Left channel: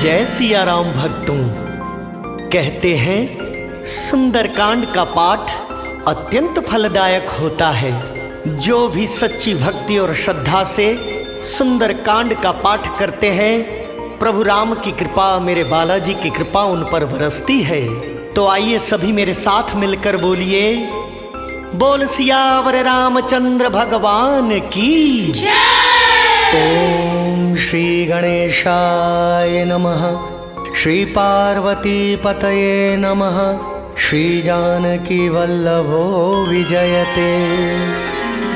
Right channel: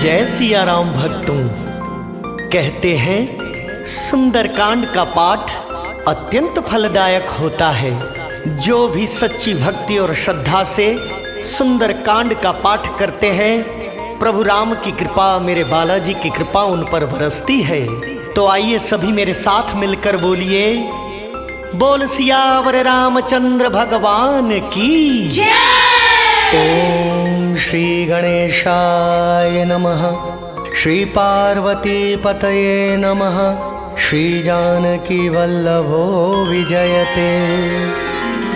जय सिया राम भक्तों। कहते हैं सुंदरकांड का पाठ अत्यंत फलदायक होता है। जो भी सच्ची भक्ति और श्रद्धा से सुंदरकांड का पाठ करते हैं, प्रभु राम की कृपा, मेरे बालाजी की कृपा उन पर बरसती है। तो आइए सभी मेरे साथ मिलकर बोलिए, बोल सियावर रामचंद्र भगवान की जय। ओम श्री गणेशाय नमः, श्री पार्वती पतये नमः, श्री जानकी वल्लभो विजयते।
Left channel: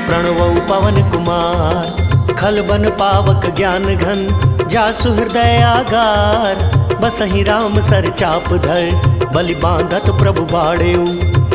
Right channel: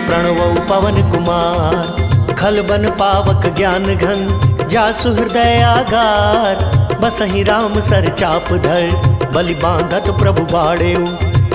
प्रणवौ पवन कुमार, खलबन पावक ज्ञान घन, जासु हृदय आगार, बसहि राम सर चाप धर, बलि बांधत प्रभु बाड़ेऊ,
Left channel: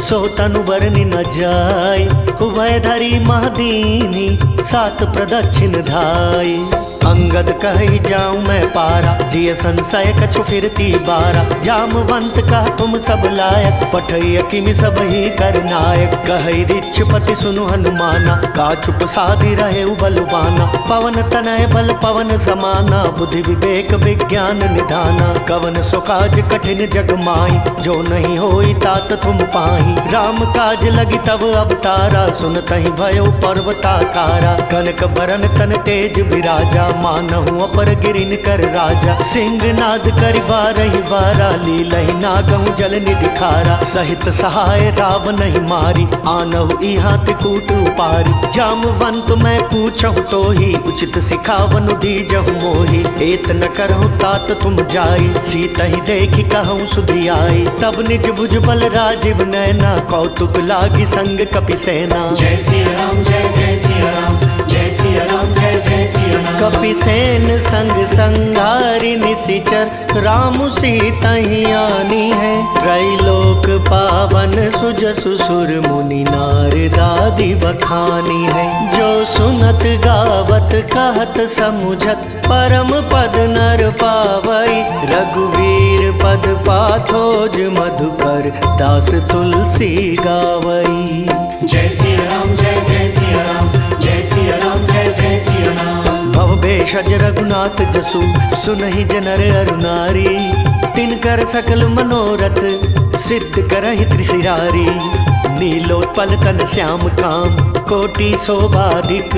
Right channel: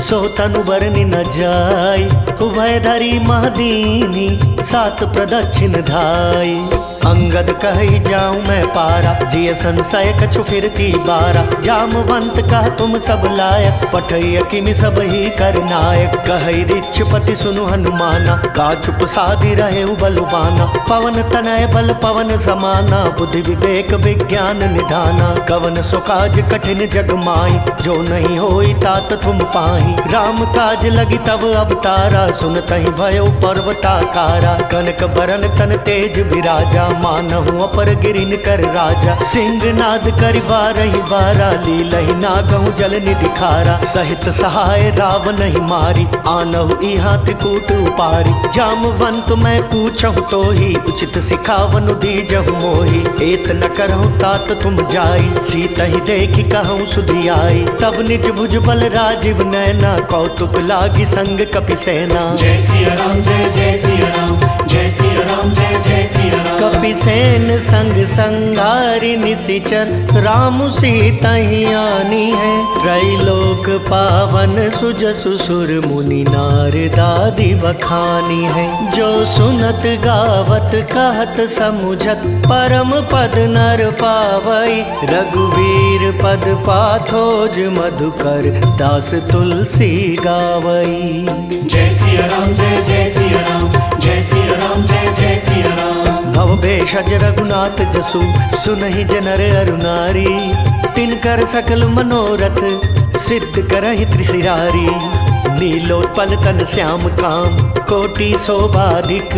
सो तनु बरनि न जाय, उभय धरी महदीनी, सात प्रदक्षिण धाय। अंगद कहि जाऊं मैं पारा, जिय संशय कछु फिरती बारा, जामवंत कह तुम सब लायक, पठैय किमि सब ही कर नायक। कहि रिच्छपति सुनु हनुमाना, का चुप साधि रहे बलवाना, पवन तनय बल पवन समाना, बुद्धि विवेक विज्ञान निधाना। कवन सो काज कठिन जग माही, जो नहीं होई तात तुम पाही। राम काज लगी तब अवतारा, सुनतहि भयो पर्वताकारा। कनक बरन तन तेज विराजा, मानहु अपर गिरिन कर राजा। सिंह नाद करि बारहि बारा, लीलहि नागहु जल निधि खारा। सहित सहाय रावण ही मारी, आनहु इहा त्रिकूट उपारी। जामवंत मैं पूछहु तो ही, उचित सिखावनु दीजहु मोही। एत न करहु तात तुम जाई, सीतहि देखि कहूँ सुधि आई। तब निज भुज बल राजीव नैना, कौतुक लागी संग कपि सेना। जय सिया राम जय जय सिया राम, जय सिया राम जय जय सिया राम। कपि सेन संग संगारि निशिचर, राम सीता ही आनी है। त्रैलोक पावन सुजसु सुर मुनि नारदादि बखानी है। जो सुनत गावत कहत समुझत, परम पद नर पावई। रघुवीर पद पाथोज मधुकर, दास तुलसी गावई। जय सिया राम जय जय सिया राम, जय सिया राम जय जय सिया राम। भव भेषज रघुनाथ जसु, सुनहि जनर अरु नारी। तिनकर सकल मनोरथ, सिद्ध करहि त्रिशिरारी। नीलोत्पल तन श्याम काम, कोटि शोभाधिक।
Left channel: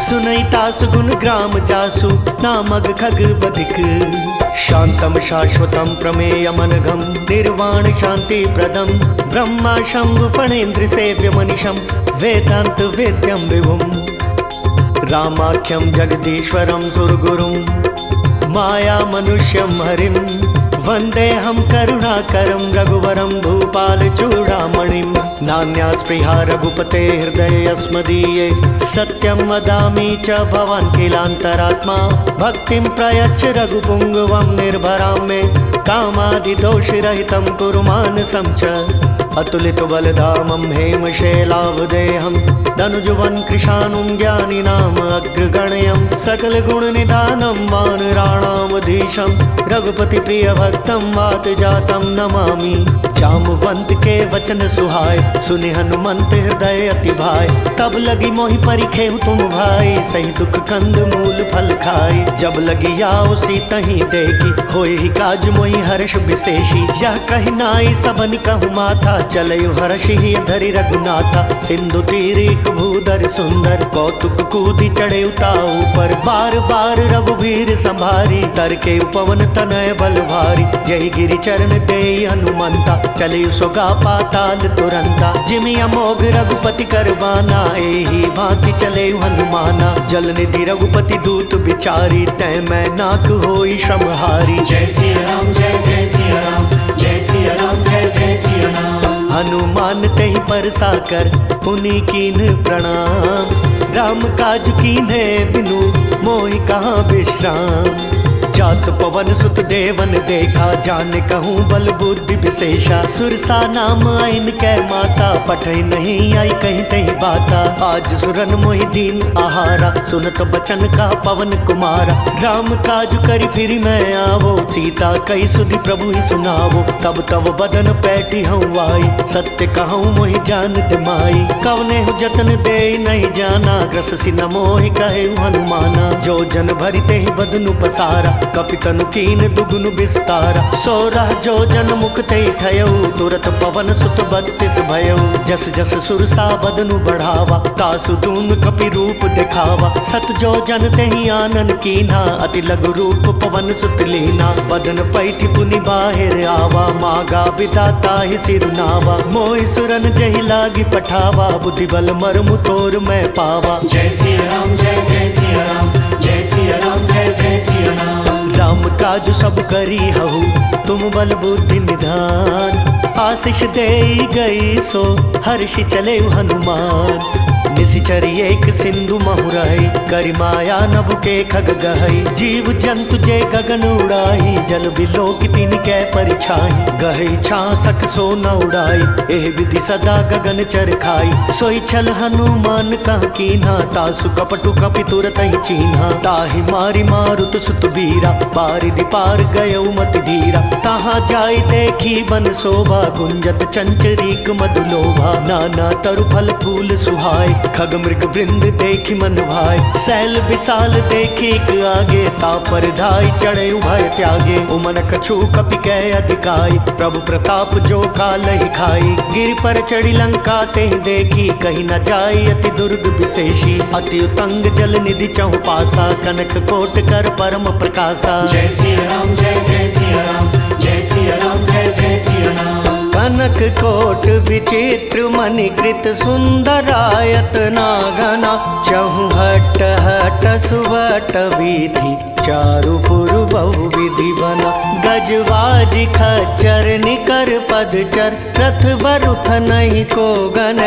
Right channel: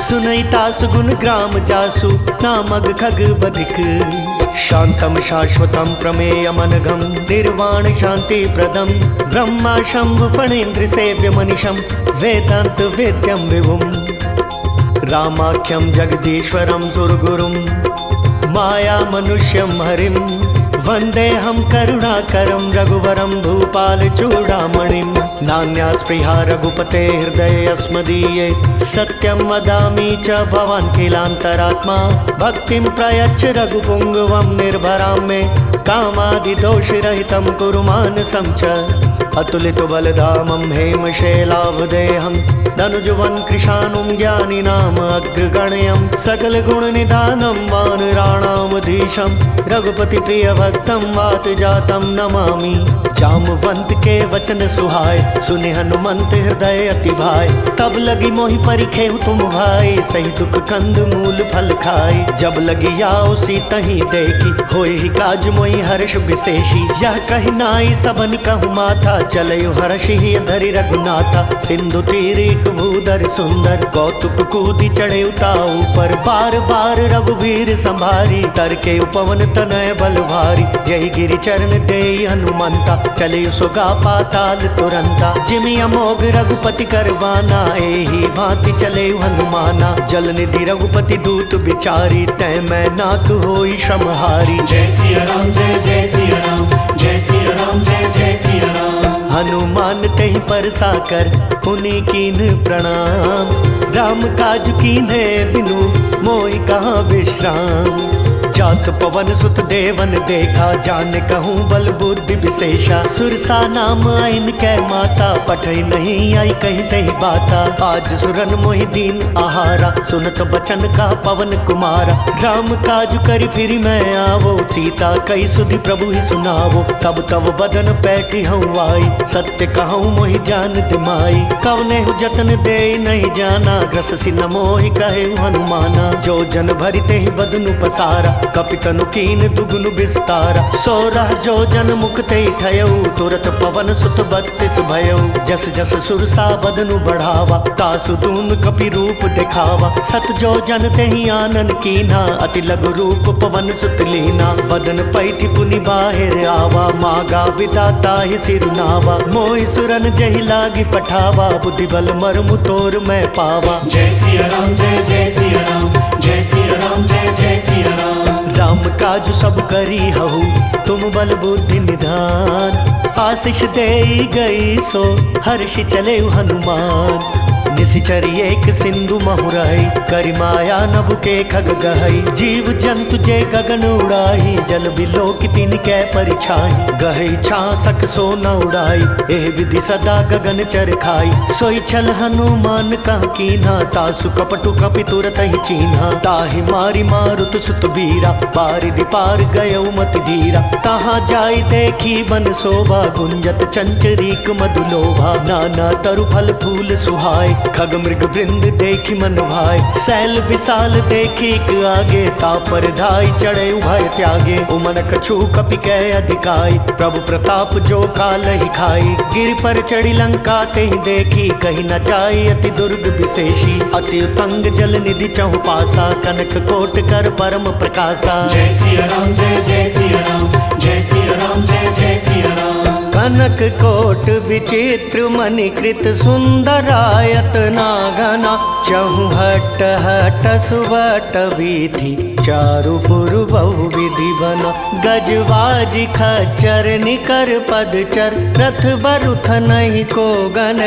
सुनहि तासु गुण ग्राम जासु, नामग खग बधिक। शांतम शाश्वतम प्रमेयमनघम, निर्वाण शांति प्रदम। ब्रह्मा शंभु फणेन्द्र सेव्य मनिषम, वेदांत वेद्यम विभुम। रामाख्यम जगदीश्वरम सुरगुरुम, माया मनुष्यम हरिम। वंदे हम करुणाकरम, रघुवरम भूपाल चूड़ामणिम। नान्या स्पृहा रघुपते हृदय अस्मदीये, सत्यम वदामि च भवान् किलांतरात्मा। भक्तिं प्रयच्छ रघुपुंगवं निर्भरां मे, कामादि दोष रहितं कुरु मानसं च। अतुलित बलधामं हेमशैलावदेहं, धनुजवन कृशानुं ज्ञानिनाम अग्रगण्यं। सकल गुण निधानं वानराणामधीशं, रघुपति प्रिय भक्तं वात जातं नमामि। जामवंत के वचन सुहाय, सुनि हनुमंत हृदय अति भाय। तब लगी मोहि परिखेहु तुम भाई, सही दुख कंद मूल फल खाई। जब लगी आओ सीतहि देखी, होय ही काज मोहि हर्ष विशेषी। यह कहि नाई सबन कहु माथा, चलयु हर्षि ही धरि रघुनाथा। सिंधु तीर एक भूधर सुंदर, कौतुक कूदि चढ़े उताऊ पर। बार बार रघुवीर संभारी, तरके उपवन तनय बल भारी। जय गिरि चरण देई हनुमंता, चले सुगा पाताल तुरंता। जिमि अमोघ रघुपति करवाना, एही भांति चले हनुमाना। जल निधि रघुपति दूत बिचारी, तै मैं नाक होई श्रमहारी। जय सिया राम जय जय सिया राम, जय सिया राम जय जय सिया राम। हनुमान तेहि परसा कर, पुनि कीन प्रणाम। राम काज कीन्हे बिनु, मोहि कहाँ विश्राम। जात पवन सुत देवन देखा, जान कहूँ बल बुद्धि विशेषा। सुरसा नाम आइन कै माता, पठै नहीं आई कहीं तही बाता। आज सुरन मोहि दीन आहारा, सुनत बचन का पवन कुमारा। राम काज करि फिर मैं आवो, सीता कई सुधि प्रभु ही सुनावो। तब तब बदन पैठी हूँ आई, सत्य कहूँ मोहि जान दिमाई। कवने हु जतन दे नहीं जाना, ग्रससि न मोहि कहे हनुमाना। जो जन भरिते ही बदनु पसारा, कपितनु कीन दुगुनु विस्तारा। 16 जो जन मुख ते ठयऊ, तुरत पवन सुत 32 भयऊ। जस जस सुरसा बदनु बढ़ावा, तासु दून कपि रूप दिखावा। 7 जो जन ते ही आनन कीन्हा, अति लघु रूप पवन सुत लीना। बदन पैठि पुनि बाहिर आवा, मागा विदाता ही सिरुनावा। मोहि सुरन जहि लागी पठावा, बुद्धि बल मर्मु तोर मैं पावा। जय सिया राम जय जय सिया राम, जय सिया राम जय जय सिया राम। राम काज सब करी हहु, तुम बल बुद्धि निधान। आशीष देई गई सो हर्षि चले हनुमान। निशिचर एक सिंधु महुराई, करि माया नभु के खग गहई। जीव जंतु जे गगन उड़ाई, जल बिलोक तिन कै परिछाई। गहई छासक सो न उड़ाई, एह विधि सदा गगन चर खाई। सोई छल हनुमान कह कीन्हा, तासु कपटु कपि तुरत ही चीन्हा। ताहि मारी मारुत सुत बीरा, बारिधि पार गयउ मति धीरा। तहाँ जाई देखी बन शोभा, गुंजत चंचरीक मधुलोभा। नाना तरु फल फूल सुहाय, खग मृग वृंद देखी मन भाई। सैल विशाल देखी आगे, तापर धाई चढ़े उभय त्यागे। उमन कछु कपि कै अधिकाई, प्रभु प्रताप जो काल ही खाई। गिर पर चढ़ी लंका ते ही देखी, कहीं न जाई अति दुर्ग विशेषी। अति उतंग जल निधि चहु पासा, कनक कोट कर परम प्रकाशा। जय सिया राम जय जय सिया राम, जय सिया राम जय जय सिया राम। कनक कोट विचित्र मणिकृत सुंदरायत नागना। चहु हट हट सुबट विधि, चारुपुर बहु विधि बना। गजबाज खच्चर निकर पदचर, रथ बरुथ नहीं को गन।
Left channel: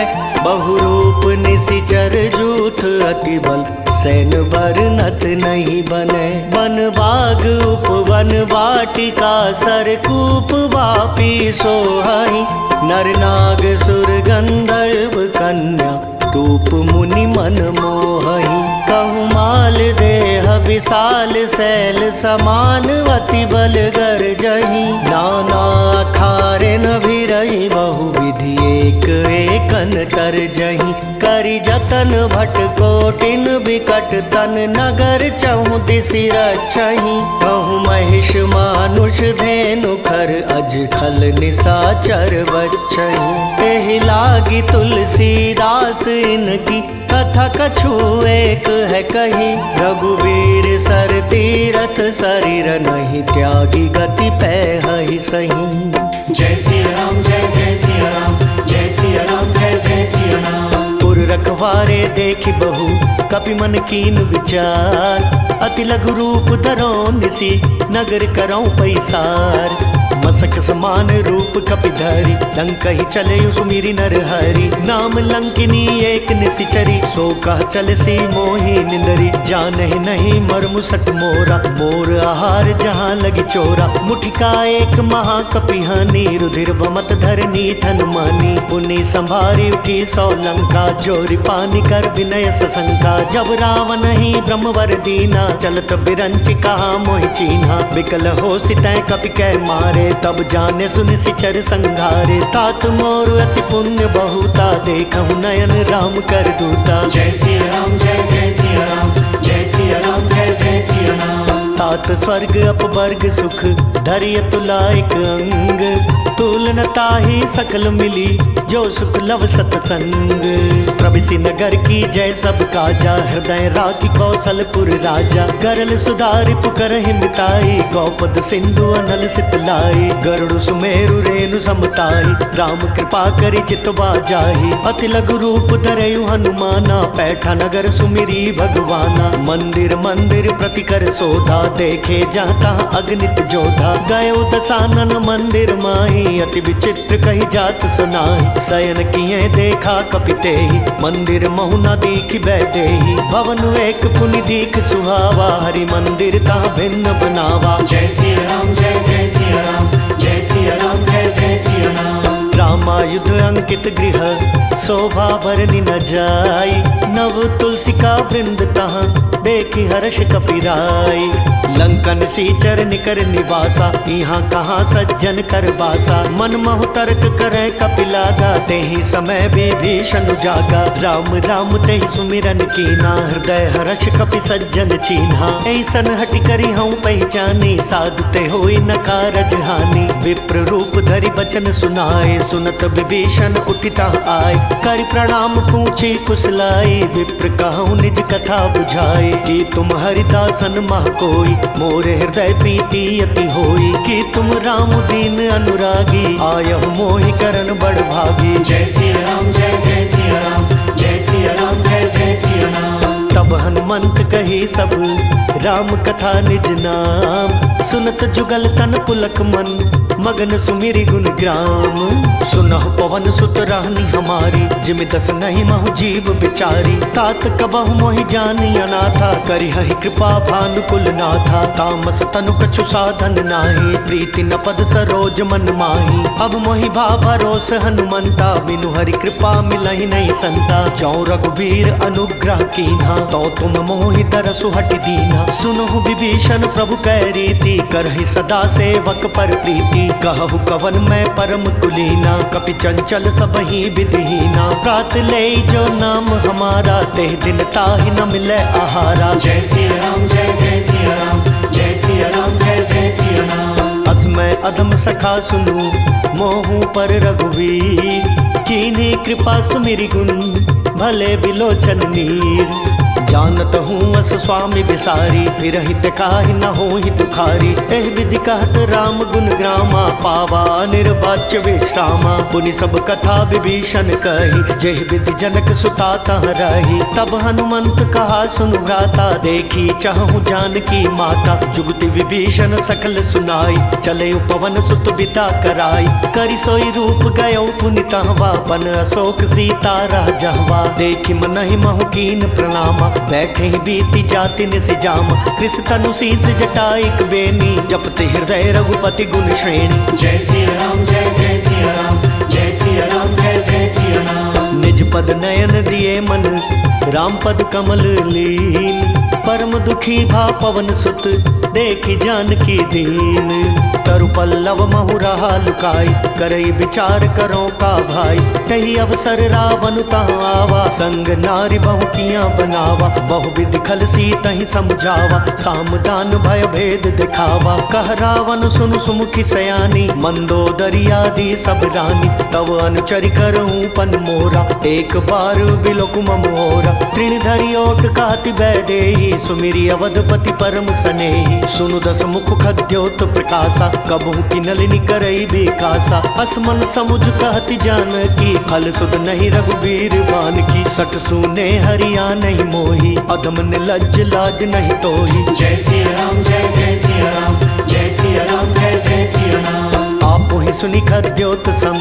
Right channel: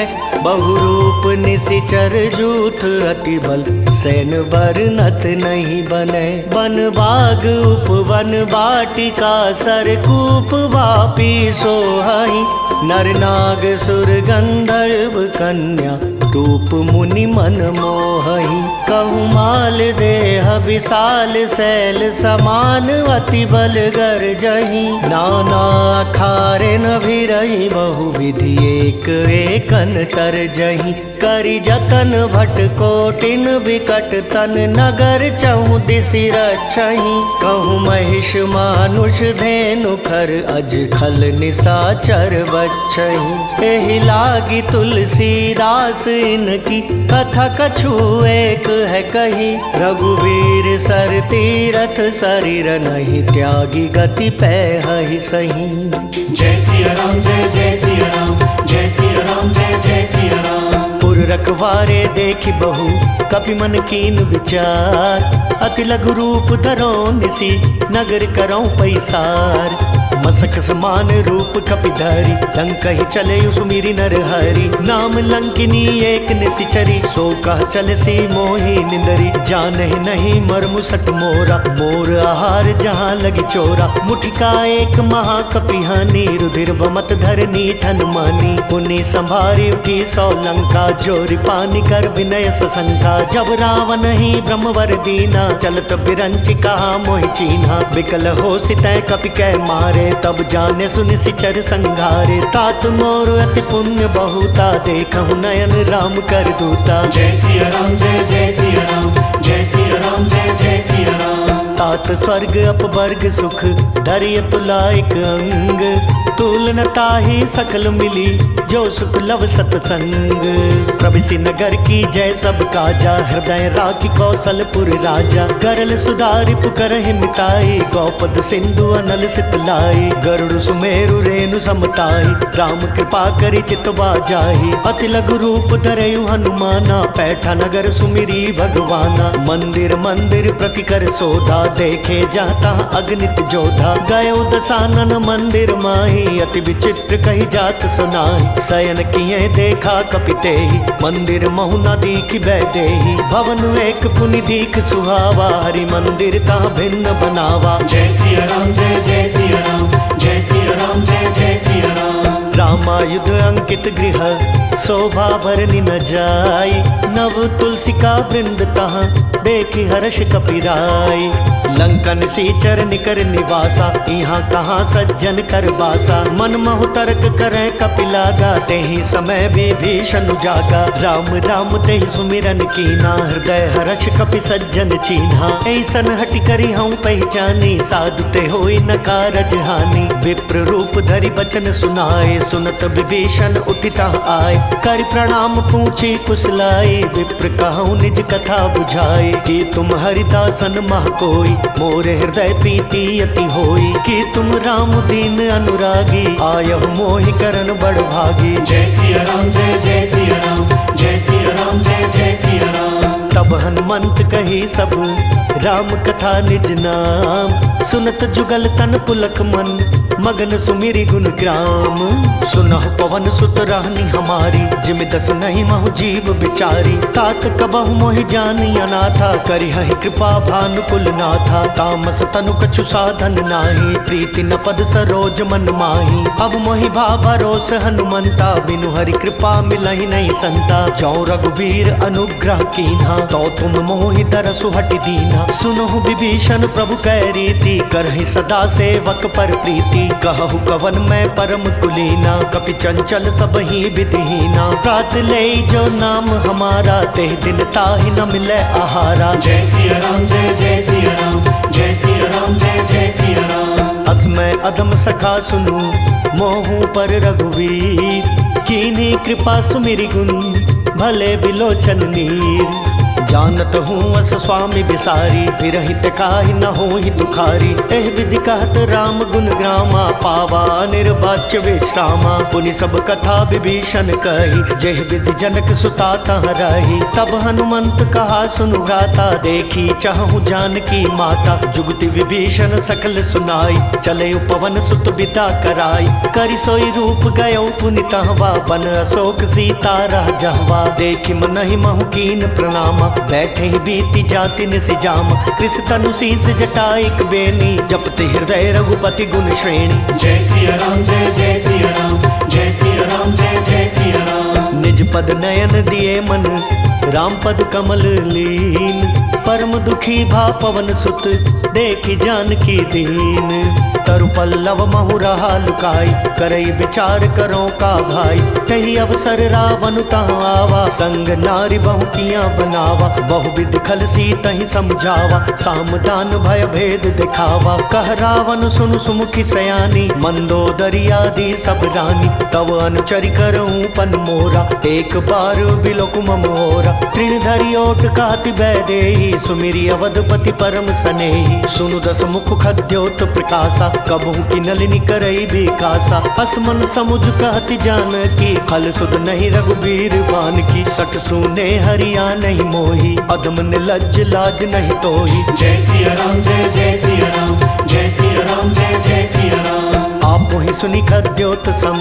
बहुरूप निशिचर जूथ अति बल, सैन बरनत नहीं बने। वन बाग उपवन वाटिका, सरकूप वापी सोहाई। नर नाग सुर गंधर्व कन्या, रूप मुनि मन मोहहि। कहु माल देह विशाल, सैल समान अति बल गरजहि। नाना अखारे न भिरहि, बहु विधि एक एकन तरजहि। करि जतन भट कोटिन विकट तन, नगर चहु दिसि रक्षहि। कहु महिष मानुष धेनु खर, अज खल निशाचर बच्छहि। एहि लागी तुलसीदास इनकी, कथा कछु एक है कही। रघुवीर सर तीरथ शरीर, नहीं त्यागी गति पैहि सही। जय सिया राम जय जय सिया राम, जय सिया राम जय जय सिया राम। पुर रखवारे देखि बहु, कपि मन कीन विचार। अति लघु रूप धरो निसी, नगर करौ पैसार। मसक समान रूप कपिधरी, लंक ही चले सुमिरि नर हरि। नाम लंकिनी एक निशिचरी, सो कह चल सी मोहि निंदरी। जानहि नहीं मर्मु सट मोरा, मोर आहार जहाँ लगी चोरा। मुठिका एक महाकपिहानी, रुधिर बमत धरनी ठन मानी। पुनि संभारी उठी 100 लंका, जोरी पानी कर विनय सशंका। जब रावण ही ब्रह्मवर दीना, चलत बिरंच कहा मोहि चीन्हा। विकल हो सितै कपि कै मारे, तब जाने सुनि सिचर संघारे। तात मोर अति पुण्य बहुता, देखहु नयन राम कर दूता। जय सिया राम जय जय सिया राम, जय सिया राम जय जय सिया राम। तात स्वर्ग अपवर्ग सुख, धरिय तुलाइक अंग। तुलन ताहि सकल मिली, जो सुख लव सतसंग। प्रभिसि नगर की जय सब काजा, हृदय राखी कौशलपुर राजा। गरल सुधारि पुकरहि मिताई, गौपद सिंधु अनल सितलाई। गरुड़ सुमेरु रेणु समताई, राम कृपा करि चितवा जाहि। अति लघु रूप धरयु हनुमाना, पैठा नगर सुमिरी भगवाना। मंदिर मंदिर प्रति कर सोधा, देखे जाता अगणित जोधा। गयो दसानन मंदिर माही, अति विचित्र कही जात सुनाई। शयन किए देखा कपितेहि, मंदिर महु न दीखि बैदेहि। भवन एक पुनि दीख सुहावा, हरि मंदिर ता भिन्न बनावा। जय सिया राम जय जय सिया राम, जय सिया राम जय जय सिया राम। रामायुध अंकित गृह शोभा भरनी न जाई। नव तुलसी का वृंद तहाँ देखी हर्ष कपिराई। लंकन सी चर निकर निवासा यहाँ कहाँ सज्जन कर बासा। मन महु तर्क करे कपिला गाते ही समय विभीषण जागा। राम राम ते ही सुमिरन कीना हृदय हर्ष कपि सज्जन चीन्हा। ऐसन हटि करी हूँ पहचानी साधते होई न कारज हानि। विप्र रूप धरि बचन सुनाए सुनत विभीषण उठिता आए। कर प्रणाम पूछी कुशलाई विप्र कहूँ निज कथा बुझाए। कि तुम हरिदासन मह कोई मोरे हृदय प्रीति अति होई। कि तुम राम दीन अनुरागी आयहु मोहि करन बड़ भागी। जय सिया राम जय जय सिया राम जय सिया राम जय जय सिया राम। तब हनुमंत कही सब राम कथा निज नाम। सुनत जुगल तन पुलक मन मगन सुमिरि गुण ग्राम। सुनहु पवन सुत रानी हमारी जिमि दस नहीं महु जीव बिचारी। तात कबहु मोहि जानी अनाथा करिहहि कृपा भानुकुल नाथा। तामस तनु कछु साधन नाही प्रीति न पद सरोज मन माही। अब मोहि भा भरोस हनुमंता बिनु हरि कृपा मिलहि नहीं संता। जौ रघुबीर अनुग्रह कीन्हा तो तुम मोहि तरसु हटि दीन्हा। सुनहु विभीषण प्रभु कै रीति करहि सदा सेवक पर प्रीति। कहु कवन मैं परम कुलीना कपि चंचल सबहि विधिहीना। प्रात ले जो नाम हमारा तेह दिन ताहि न मिले आहारा। जय सिया राम जय जय सिया राम जय सिया राम जय जय सिया राम। असमय अधम सखा सुनु मोहू पर रघुवीर। कीन्ही कृपा सुमिरि गुण भले बिलोचन नीर। जानत हूँ अस स्वामी बिसारी फिर हित काहि न हो ही दुखारी। एह विधि कहत राम गुण ग्रामा पावा निर्वाच्य विश्रामा। पुनि सब कथा विभीषण कही जेह विधि जनक सुता तह रही। तब हनुमंत कहा सुनु भ्राता देखी चाहू जानकी माता। जुगति विभीषण सकल सुनाई चले पवन सुत बिदा कराई। करि सोई रूप गयो पुनि तहवा बन अशोक सीता रह जहवा। देखि मनहि महु कीन प्रणामा बैठे ही बीती जाति निसि जाम। कृष तनु शीस जटाइक बेनी जपते हृदय रघुपति गुण श्रेणी। जय सिया राम जय जय सिया राम जय सिया राम जय जय सिया राम। निज पद नयन दिए मन राम पद कमल लीन। परम दुखी भा पवन सुत देखी जानकी दीन। तरु पल्लव महु रहा लुकाई करई विचार करो का भाई। तही अवसर रावण तहाँ आवा संग नारी बहु किया बनावा। बहु विधि खल सी तही समझावा सामदान भय भेद दिखावा। कह रावण सुनु सुमुखी सयानी मंदोदरी आदि सब रानी। तव अनुचरि करऊं पन मोरा एक बार बिलोक मोरा। तृण धरि ओट कहति बैदेही सुमिरि अवधपति परम सनेही। सुनु दस मुख खद्योत प्रकाशा कबहु की नलिनी करई बिकासा। असमन समुझ कहति जानकी खल सुध नहीं रघुबीर बान की। सठ सुने हरिया नहीं मोही अधम निर्लज्ज लाज नहीं तोही। जय सिया राम जय जय सिया राम जय सिया राम जय जय सिया राम। आपो ही सुनि खद्योत सम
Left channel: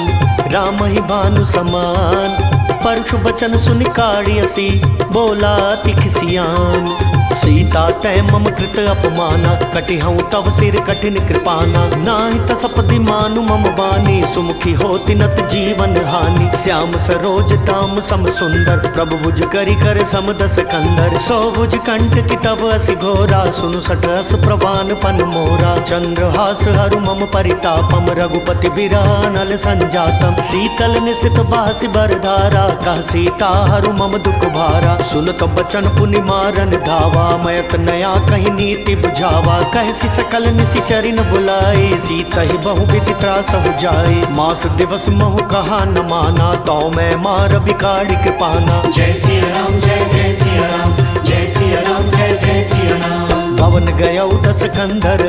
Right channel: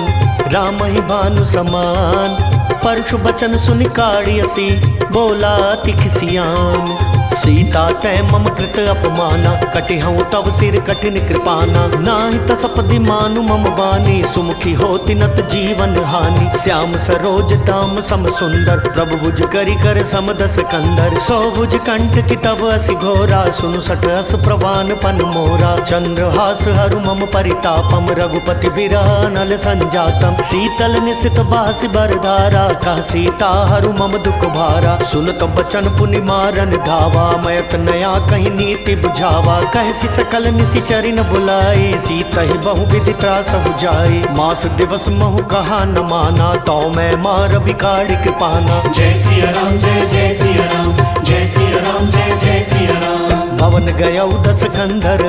राम ही भानु समान। परशु बचन सुनि काढ़ियसी बोला तिखसियान। सीता तै मम कृत अपमाना कटिहऊँ तव सिर कठिन कृपाना। नाहि तसपदि मानु मम बानी सुमुखी होति नत जीवन हानि। श्याम सरोज दाम सम सुंदर प्रभु भुज करि कर सम दस कंधर। सौ भुज कंठ की तव असि घोरा सुनु सठ अस प्रवान पन मोरा। चंद्रहास हरु मम परितापम रघुपति बिरह नल संजातम। शीतल निशित बासी बरधारा कह सीता हरु मम दुख भारा। सुनत बचन पुनि मारन धावा मयत नया कहीं नीति बुझावा। कहसी सकल निशिचरि न बुलाई सीता ही बहु विधि त्रास हो जाई। मास दिवस महु कहा न माना तो मैं मार बिकाड़ी कृपाना। जय सिया राम जय जय सिया राम जय सिया राम जय जय सिया राम। भवन गयौ दस कंधर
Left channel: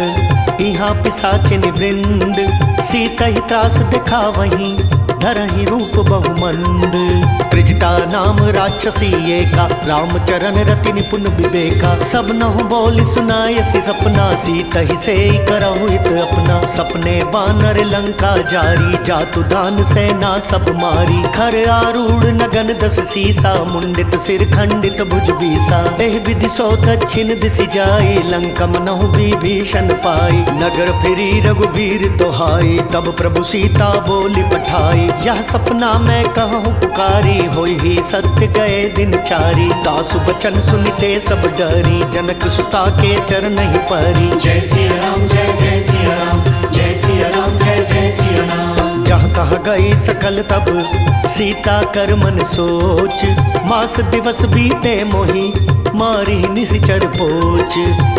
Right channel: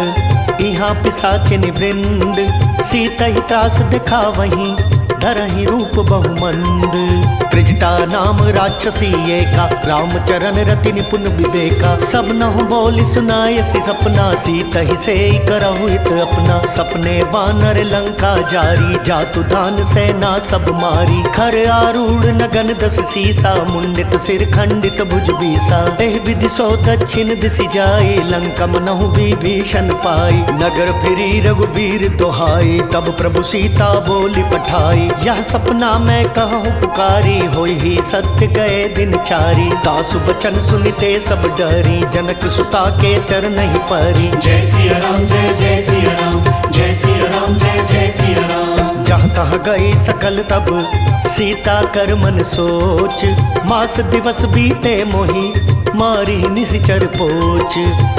यहाँ पिशाचिनि वृंद। सीता ही त्रास दिखा वहीं धरहि रूप बहुमंद। त्रिजटा नाम राक्षसी एका रामचरण रति निपुण विवेका। सब नहु बोली सुनायसी सपना सीता ही से करहु हित अपना। सपने बानर लंका जारी जातु दान सेना सब मारी। खर आरूढ़ नगन दस सीसा मुंडित सिर खंडित भुज बीसा। एह विधि सो दक्षिण दिशि जाई लंका मनहु विभीषण पाई। नगर फिरी रघुबीर दोहाई तब प्रभु सीता बोली पठाई। पाई। यह सपना मैं कहूँ पुकारी, होई ही सत्य गए दिन चारी। दासु बचन सुनिते सब डरी, जनक सुता के चरण ही परी। जय सिया राम जय जय सिया राम, जय सिया राम जय जय सिया राम। जहाँ तहाँ गई सकल तब सीता कर मन सोच, मास दिवस बीते मोही मारी निशिचर पोच।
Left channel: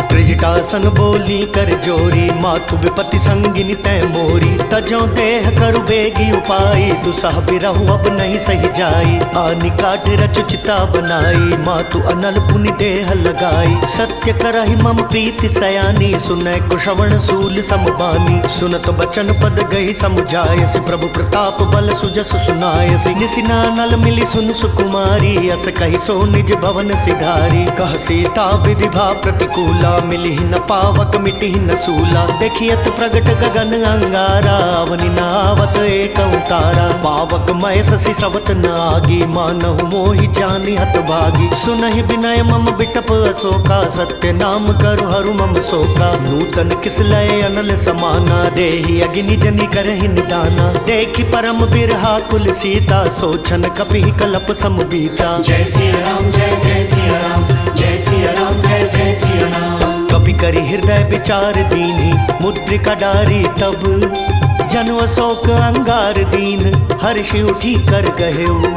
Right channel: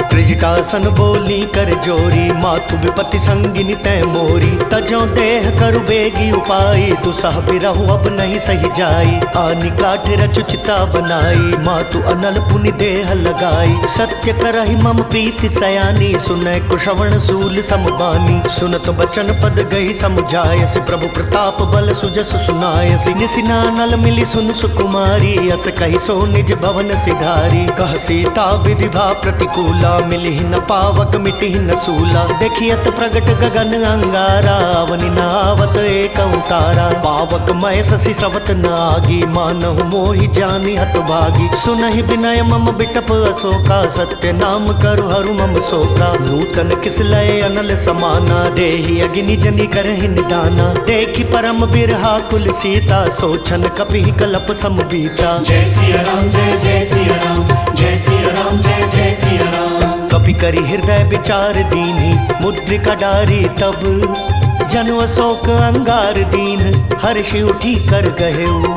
त्रिजटासन बोली कर जोरी, मातु विपति संगिनी तै मोरी। तजो देह करु बेगी उपाई, दुसह बिरहु अब नहीं सही जाई। आनी काठ रचु चिता बनाई, मातु अनल पुनि देह लगाई। सत्य करहि मम प्रीति सयानी, सुनै कुशवण सूल समबानी। सुनत बचन पद गई समुझायसि, प्रभु प्रताप बल सुजस सुनायसि। निसिना नल मिली सुन सुकुमारी, अस कहि सो निज भवन सिधारी। कह सीता विधि भा प्रतिकूला, मिली न पावक मिटी न सूला। देखियत प्रगट गगन अंगारा, अवनि न आवत एक तारा। पावक मय शशि स्रवत न आगी, मानहु मोहि जानि हत भागी। सुनहि विनय मम बिटप अशोका, सत्य नाम करु हरु मम शोका। नूतन किस लय अनल समाना, देहि अग्नि जनि करहि निदाना। देखि परम बिरहा कुल सीता, सोचन कपिहि कलप समबीता। जय सिया राम जय जय सिया राम, जय सिया राम जय जय सिया राम। कपि करि हृदय विचार दीनी, मुद्रिका डारी तब। जनु अशोक अंगार दीन, हर्षि उठी कर गहेऊ।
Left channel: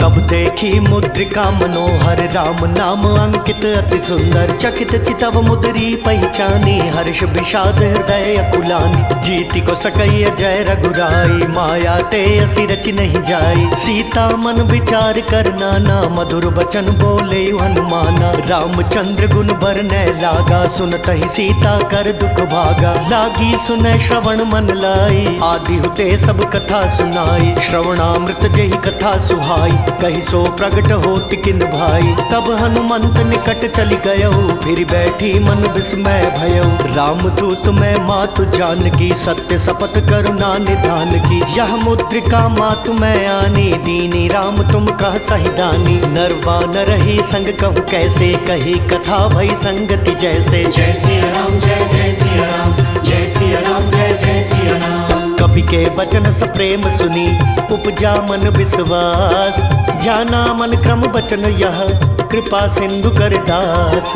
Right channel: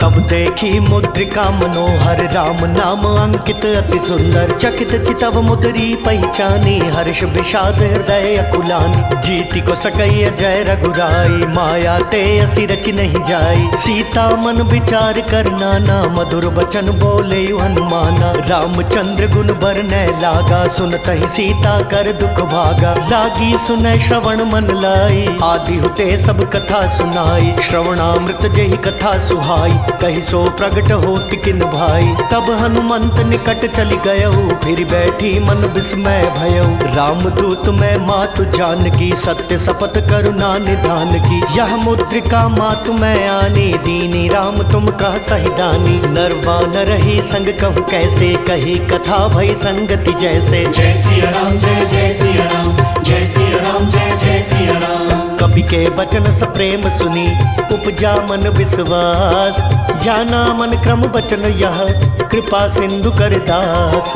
तब देखी मुद्रिका मनोहर, राम नाम अंकित अति सुंदर। चकित चितव मुद्री पहचानी, हर्ष विषाद हृदय अकुलानी। जीति को सकई जय रघुराई, माया ते असी रचि नहीं जाई। सीता मन विचार कर नाना, मधुर बचन बोले हनुमाना। रामचंद्र गुण बरनै लागा, सुनतहि सीता कर दुख भागा। लागी सुनै श्रवण मन लाई, आदि हुते सब कथा सुनाई। श्रवणामृत जेहि कथा सुहाई, कही सो प्रगट होत किन भाई। तब हनुमंत निकट चली गयऊ, फिर बैठी मन विस्मय भयऊ। रामदूत मैं मातु जानकी, सत्य शपथ करुणा निधान की। यह मुद्रिका मातु मैं आनी, दीनी राम तुम कह सही दानी। नरवा न रही संग कहूँ कैसे, कही कथा भई संगति जैसे। जय सिया राम जय जय सिया राम, जय सिया राम जय जय सिया राम। कपि के बचन सप्रेम सुनी, उपजा मन विश्वास। जाना मन क्रम बचन यह, कृपा सिंधु कर दास।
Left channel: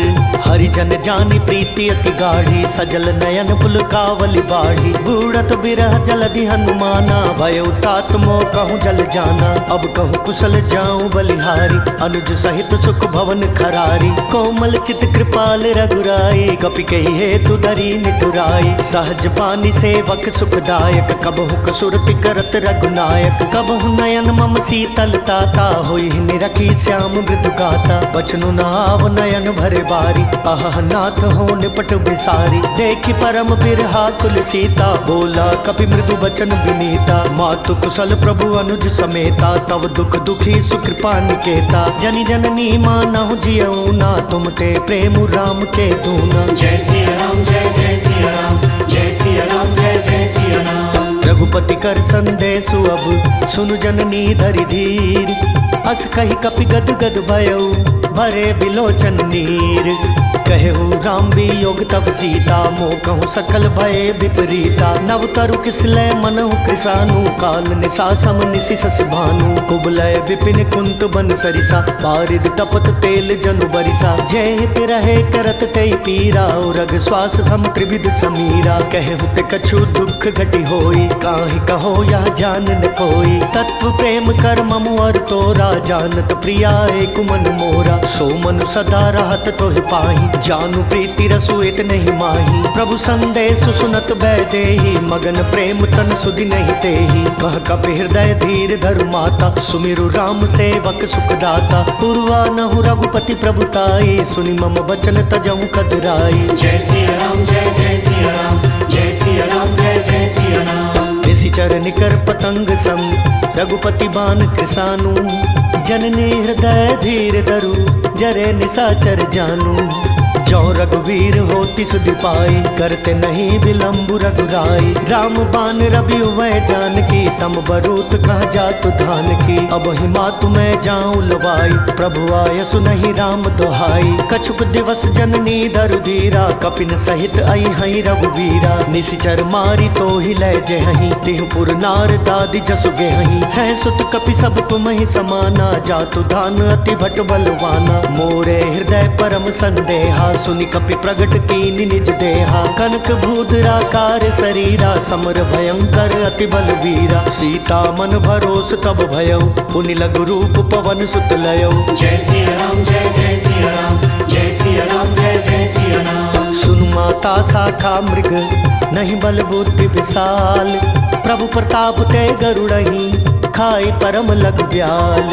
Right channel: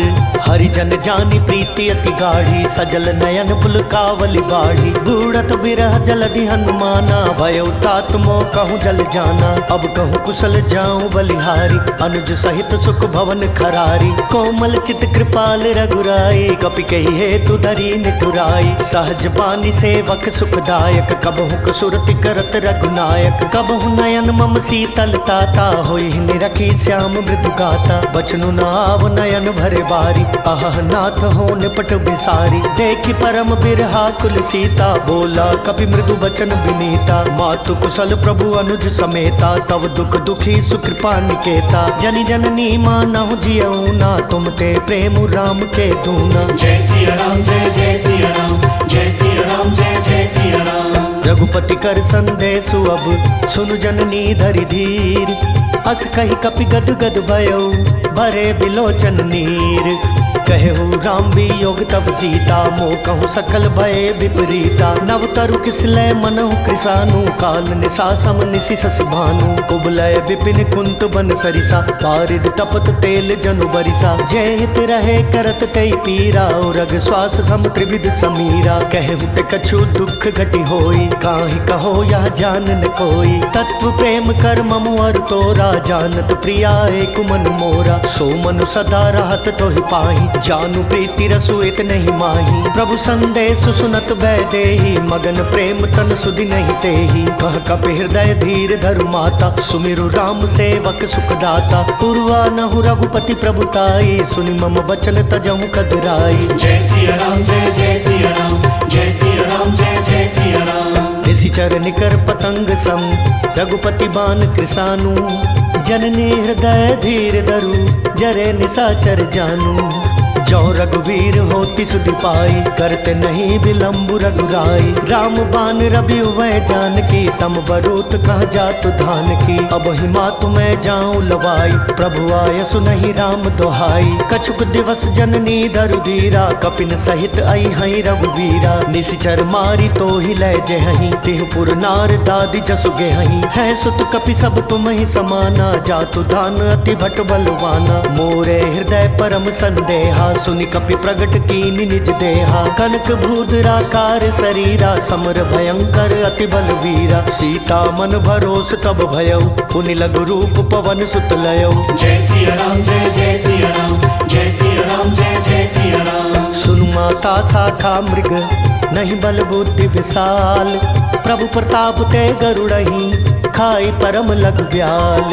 हरिजन जानी प्रीति अति गाढ़ी, सजल नयन पुलकावली बाढ़ी। बूढ़त बिरह जलधि हनुमाना, भयउ तात मोह कहूँ जल जाना। अब कहूँ कुशल जाऊँ बलिहारी, अनुज सहित सुख भवन खरारी। कोमल चित कृपाल रघुराई, कपि कही हेतु धरी निठुराई। सहज बानी सेवक सुखदायक, कबहु कसुरति करत रघुनायक। कबहु नयन मम शीतल ताता, होई निरखी श्याम मृदु गाता। बचनु नाव नयन भरे बारी, अह नाथ हो निपट बिसारी। देखि परम बिरहा कुल सीता, बोला कपि मृदु बचन विनीता। मातु कुशल प्रभु अनुज समेता, तव दुख दुखी सुकृपा निकेता। जनि जननी मानहु जियऊ ना, तुम ते प्रेम राम के दूना। जय सिया राम जय जय सिया राम, जय सिया राम जय जय सिया राम। रघुपति कर संदेशु अब, सुनु जननी धरि धीर। अस कही कपि गद गद भयऊ, भरे बिलोचन नीर। कहु राम वियोग तब सीता, मोह कहूँ सकल भय विपरीता। नव तरु किसलय मनहु कृसानु, काल निशा सम निशि शशि भानु। कुबलय विपिन कुंत बन सरिसा, पारिद तपत तेल जनु बरिसा। जय हित रहे करत तै पीरा, रग श्वास सम त्रिविध समीरा। कहु ते कछु दुख घटी होई, काहि कहो यह जान न कोई। तत्व प्रेम कर ममु अर तोरा, जानत प्रिया एक मन मोरा। सो मनु सदा रहत तोहि पाहि, जानु प्रीति रसु इत नहीं माही। प्रभु संदेश सुनत भय देहि, मगन प्रेम तन सुधि नहीं तेहि। कह कपि हृदय धीर धरु माता, सुमिरु राम सेवक सुखदाता। पूर्वा नहु रघुपति प्रभुताई, सुनि मम बचन तजहु कदराई। जय सिया राम जय जय सिया राम, जय सिया राम जय जय सिया राम। निशिचर निकर पतंग सम, रघुपति बान कृसानु। जननी हृदय धीर धरु, जरे निशाचर जानू। जो रघुवीर होति सुधि पाई, करते नहीं विलम्ब रघुराई। राम बान रवि वह जानकी, तम बरूत कह जातु धान की। अब हिमा तुम्हें जाऊं लवाई, प्रभु आय सुनहि राम दोहाई। कछुक दिवस जननी धरु धीरा, कपिन सहित आई हई रघुवीरा। निशिचर मारी तो ही लय जेहही, तिहुपुर नार दादी जसु गेहही। है सुत कपि सब तुम ही समाना, जातु धान अति भट बलवाना। मोरे हृदय परम संदेहा, सुनि कपि प्रगट कीनि निज देहा। कनक भूधराकार शरीरा, समर भयंकर अति बलवीरा। सीता मन भरोस तब भयउ, पुनि लघु रूप पवन सुत लयउ। जय सिया राम जय जय सिया राम, जय सिया राम जय जय सिया राम। सुनु माता शाखा मृग, नहीं बल बुद्धि विशाल। प्रभु प्रताप ते गरुड़हि, खाई परम लघु ब्याल।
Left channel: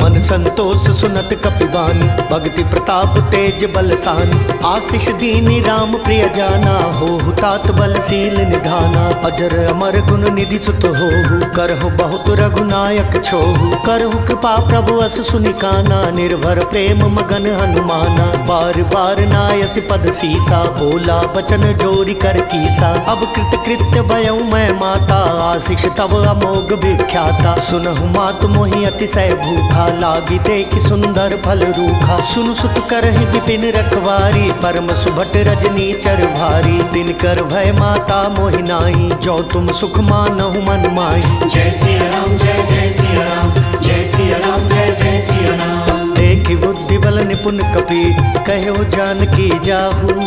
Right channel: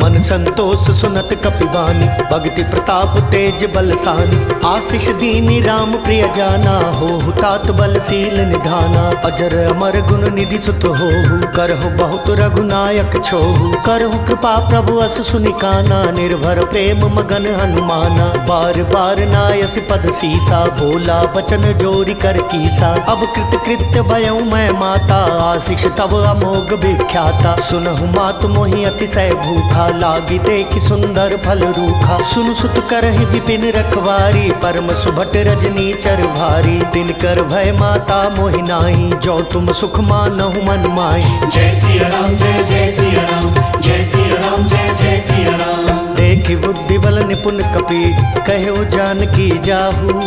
मन संतोष सुनत कपिबानी, भक्ति प्रताप तेज बलसानी। आशीष दीनी राम प्रिय जाना, होहु तात बलशील निधाना। अजर अमर गुण निधि सुत होहु, करहु बहुत रघुनायक छोहु। करहु कृपा प्रभु अस सुनिकाना, निर्भर प्रेम मगन हनुमाना। बार बार नायस पद सीसा, बोला बचन जोरी कर कीसा। अब कृत कृत्य भयउ मैं माता, आशीष तब अमोघ विख्याता। सुनहु मातु मोहि अतिशय भूखा, लागी देखि सुंदर फल रूखा। सुनु सुत करहि विपिन रखवारी, परम सुभट रजनी चर भारी। तिनकर भय माता मोहि नाहि, जो तुम सुख मानहु मन माहि। जय सिया राम जय जय सिया राम, जय सिया राम जय जय सिया राम। देखि बुद्धि बल निपुण कपि, कहो जानकी जाहू।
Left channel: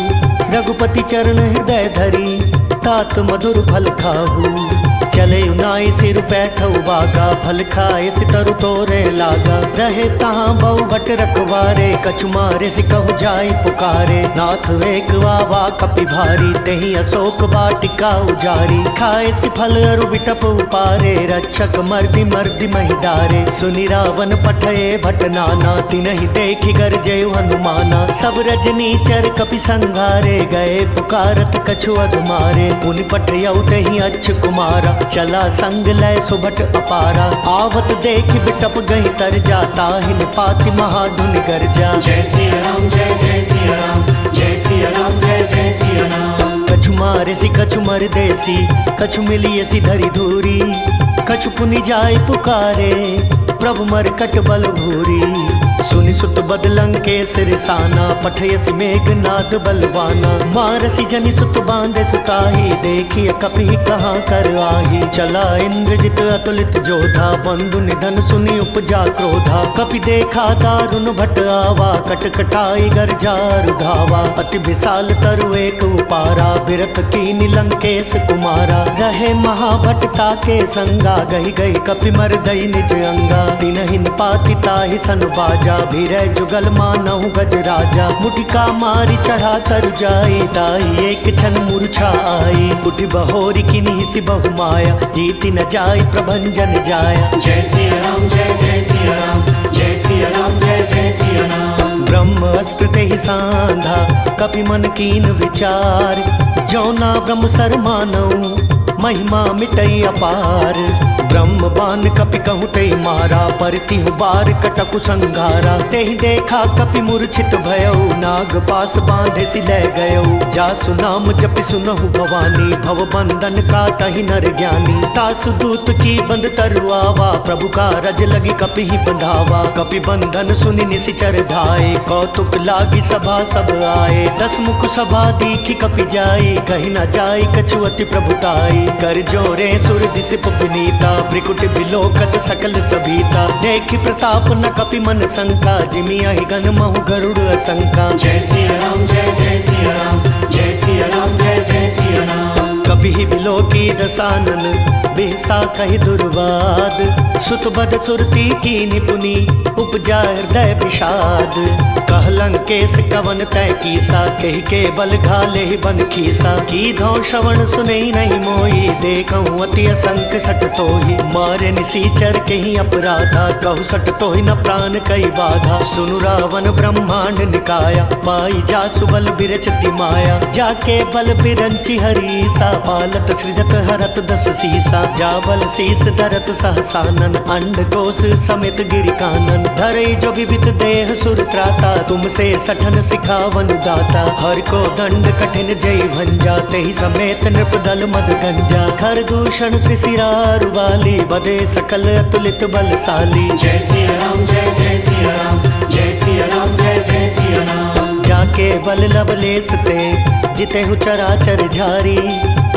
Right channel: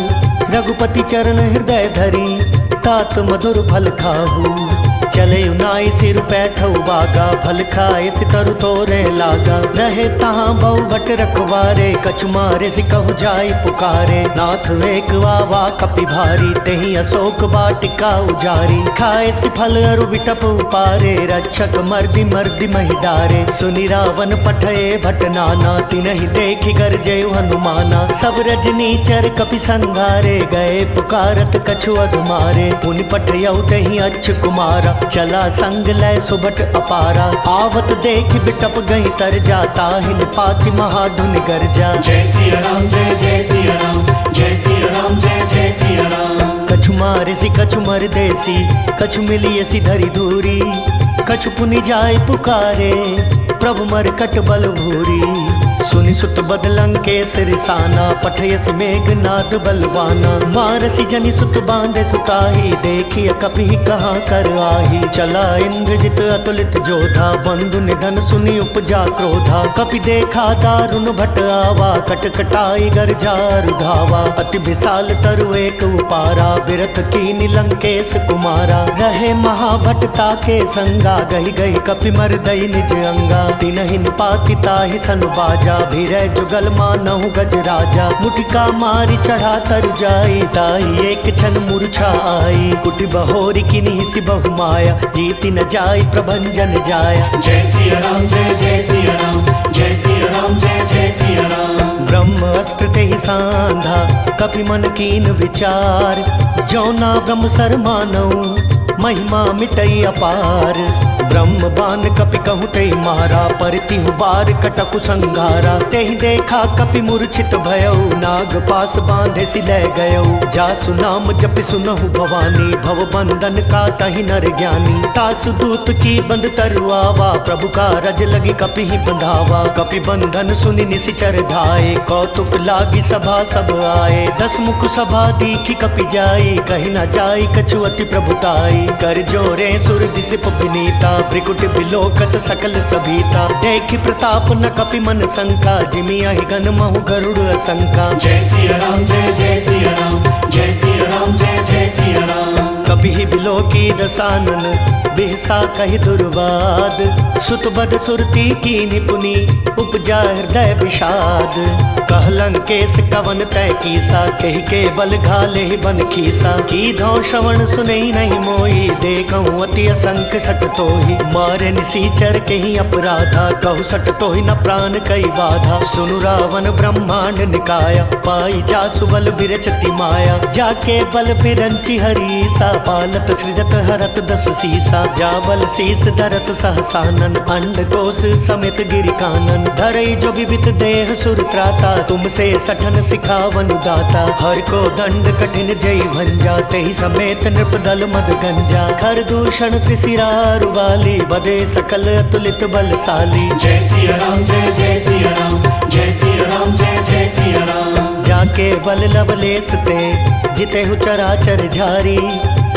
रघुपति चरण हृदय धरी, तात मधुर फल खाहू। चले नाई सिर बैठऊ बागा, फल खाए सितरु तोरे लागा। रहे तहाँ बहु भट रखवारे, कछु मारे सिकहु जाई पुकारे। नाथ एक वावा कपि भारी, तेहि अशोक वाटिका उजारी। खाए सि फल अरु बिटप उपारे, रक्षक मर्दि मर्दि महिदारे। सुनि रावण पठये भट नाना, तिनहि देखि गरजेउ हनुमाना। सब रजनीचर कपि संघारे, गए पुकारत कछु अधमारे। पुनि पठयउ तेहि अच्छ कुमारा, चला संग लय सुभट अपारा। आवत देख बिटप गई तर जाता, हिन पाति महाधुनि गर्जा। जय सिया राम जय जय सिया राम, जय सिया राम जय जय सिया राम। कछु मारे सी कछु मर देसी, कछु मिलिए सी धरी धूरी। कछु पुनि जाय पुकारे, प्रभु मर कट बल भूरी। सुनि सुत बदलंकेश रिसाना, पठयसि मेघनाद बलवाना। मारसी जनि सुत बांधे सुताही, देखिए कपि कहाँ कर आही। चला इंद्रजित अतुलित जोधा, बंधु निधन सुनि उपजा क्रोधा। कपि देखा दारुण भट आवा, कट कटाई गर्जा रुधावा। अति विशाल तरु एक उपारा, बिरथ कीनि लंकेश कुमारा। रहे महाभटता के संगा, गही गही कपि मर दई निज अंगा। तिनहि पाति ताहि सन बाजा, भीरय जुगल मानहु गज राजा। मुटिका मारी चढ़ा तरु जाई, ताहि एक क्षण मूर्छा आई। उठि बहोरी किन्हि सि बहु माया, जीति न जाई प्रभंजन जाया। जय सिया राम जय जय सिया राम, जय सिया राम जय जय सिया राम। ब्रह्म अस्त्र तेहि सांधा, कपि मन कीन विचार। जौना ब्रह्म सर मानऊ, महिमा मिटई अपार। ब्रह्म बान कपि कहूँ ते मारा, परतिहु बार कटकु संघारा। तेहि देखा कपि मूर्छित भयउ, नाग पास बांधे सि लय गयउ। जासु नाम जपि सुनहु भवानी, भव बंधन का तहि नर ज्ञानी। तासु दूत की बंद तरु आवा, प्रभु का रज लगी कपि ही बंधावा। कपि बंधन सुनि निशिचर धाये, कौतुक लागी सभा सब आए। दस मुख सभा दीखि कपि जाई, कहि न जाई कछु अति प्रभुताई। कर जोरे सुर दिसिप विनीता, भ्रिकुट बिलोकत सकल सभीता। देखि प्रताप न कपि मन शंका, जिमियाहि गण महु गरुड़ असंका। जय सिया राम जय जय सिया राम, जय सिया राम जय जय सिया राम। कपि बिलोकी दसानन, बिहसा कहि दुर्वाद। सुत बद सुरती कीनि पुनि, उपजा हृदय विषाद। कह लंकेश कवन तै कीसा, कहि के बल घाले बन खीसा। की धौ श्रवण सुनई नहीं मोई, देखऊं अति असंख सट तोहि। मारे निसीचर कहीं अपराधा, कहु सट तोहि न प्राण कई बाधा। सुनु रावण ब्रह्मांड निकाया, पाई जासु बल बिरचति माया। जाके बल बिरंचि हरीसा, पालत सृजत हरत दस सीसा। जाबल शीस धरत सहसानन, अंड कोश समेत गिरि कानन। धरई जो विवित देह सुर त्राता, तुमसे सठन सिखावन दाता। हर को दंड कठिन जय भंजा, तेहि समेत नृपदल मद गंजा। खर दूषण त्रिशिरारु वाली, बदे सकल अतुलित बलशाली। जय सिया राम जय जय सिया राम, जय सिया राम जय जय सिया राम। जाके बल लवलेस ते, जितेहु चराचर झारी।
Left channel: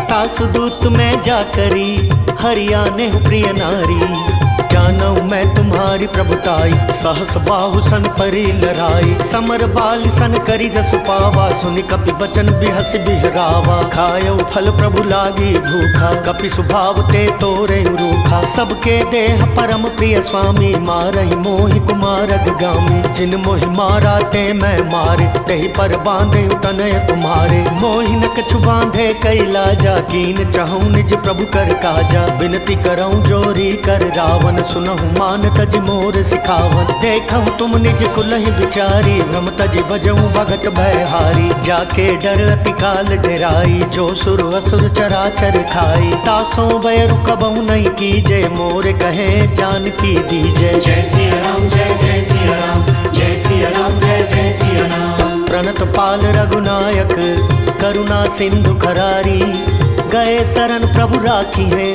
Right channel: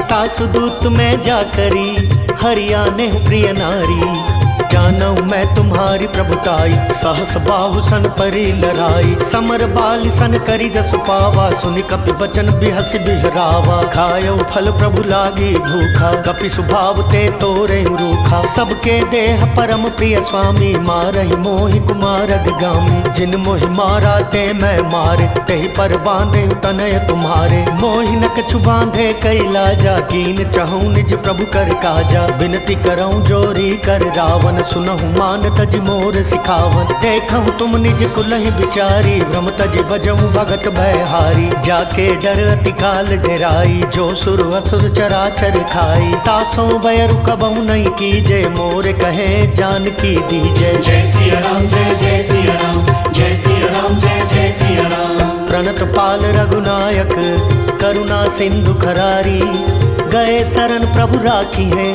तासु दूत में जाकरी, हरियाने प्रिय नारी। जानऊ मैं तुम्हारी प्रभुताई, सहस बाहु सन परी लराई। समर बाल सन करी जसु पावा, सुनि कपि बचन बिहस बिहरावा। खायो फल प्रभु लागी भूखा, कपि सुभाव ते तोरे रूखा। सबके देह परम प्रिय स्वामी, मारहि मोहि कुमारग गामी। जिन मोहि मारा ते मैं मारे, तेहि पर बांधे तनय तुम्हारे। मोहि न कछु बांधे कैलाजा, कीन चहु निज प्रभु कर काजा। बिनती करऊं जोरी कर रावण, सुनहु मान तज मोर सिखावन। देखहु तुम निज कुलहि बिचारी, भ्रम तज बजऊं भगत भयहारी। जाके डर अति काल डेराई, जो सुर असुर चराचर खाई। तासों बैरु कबहु नहीं कीजे, मोर कहे जानकी दीजे। जय सिया राम जय जय सिया राम, जय सिया राम जय जय सिया राम। प्रणत पाल रघुनायक, करुणा सिंधु खरारी। गए शरण प्रभु राखी है,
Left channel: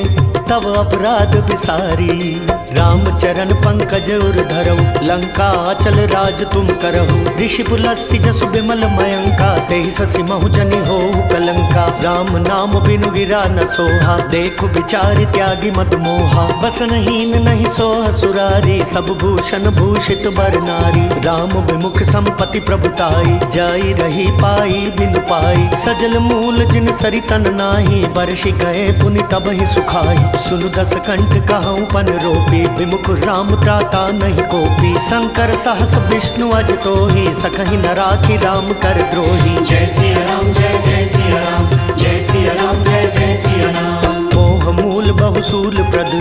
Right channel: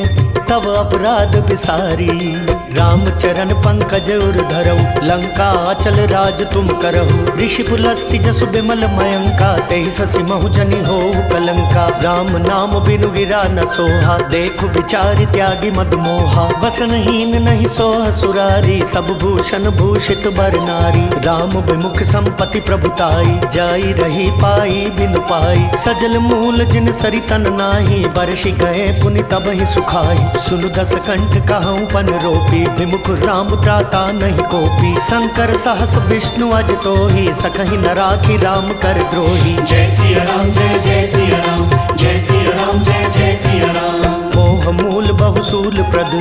तब अपराध बिसारी। राम चरण पंकज उर धरऊ, लंका अचल राज तुम करहु। ऋषि पुलस्ति जसु बिमल मयंका, तेहि ससि महु जनि होहु कलंका। राम नाम बिनु गिरा न सोहा, देखु बिचारि त्यागी मद मोहा। बसनहीन नहीं सोह सुरारी, सब भूषण भूषित बर नारी। राम विमुख संपत्ति प्रभुताई, जाई रही पाई बिनु पाई। सजल मूल जिन सरितन नाही, बरषि गए पुनि तबहि सुखाई। सुनु दस कंठ कहूँ पन रोपी, विमुख राम त्राता नहीं कोपी। शंकर सहस विष्णु अज तोहि, सकहि न राखी राम कर द्रोही। जय सिया राम जय जय सिया राम, जय सिया राम जय जय सिया राम। मोह मूल बहुसूल प्रद,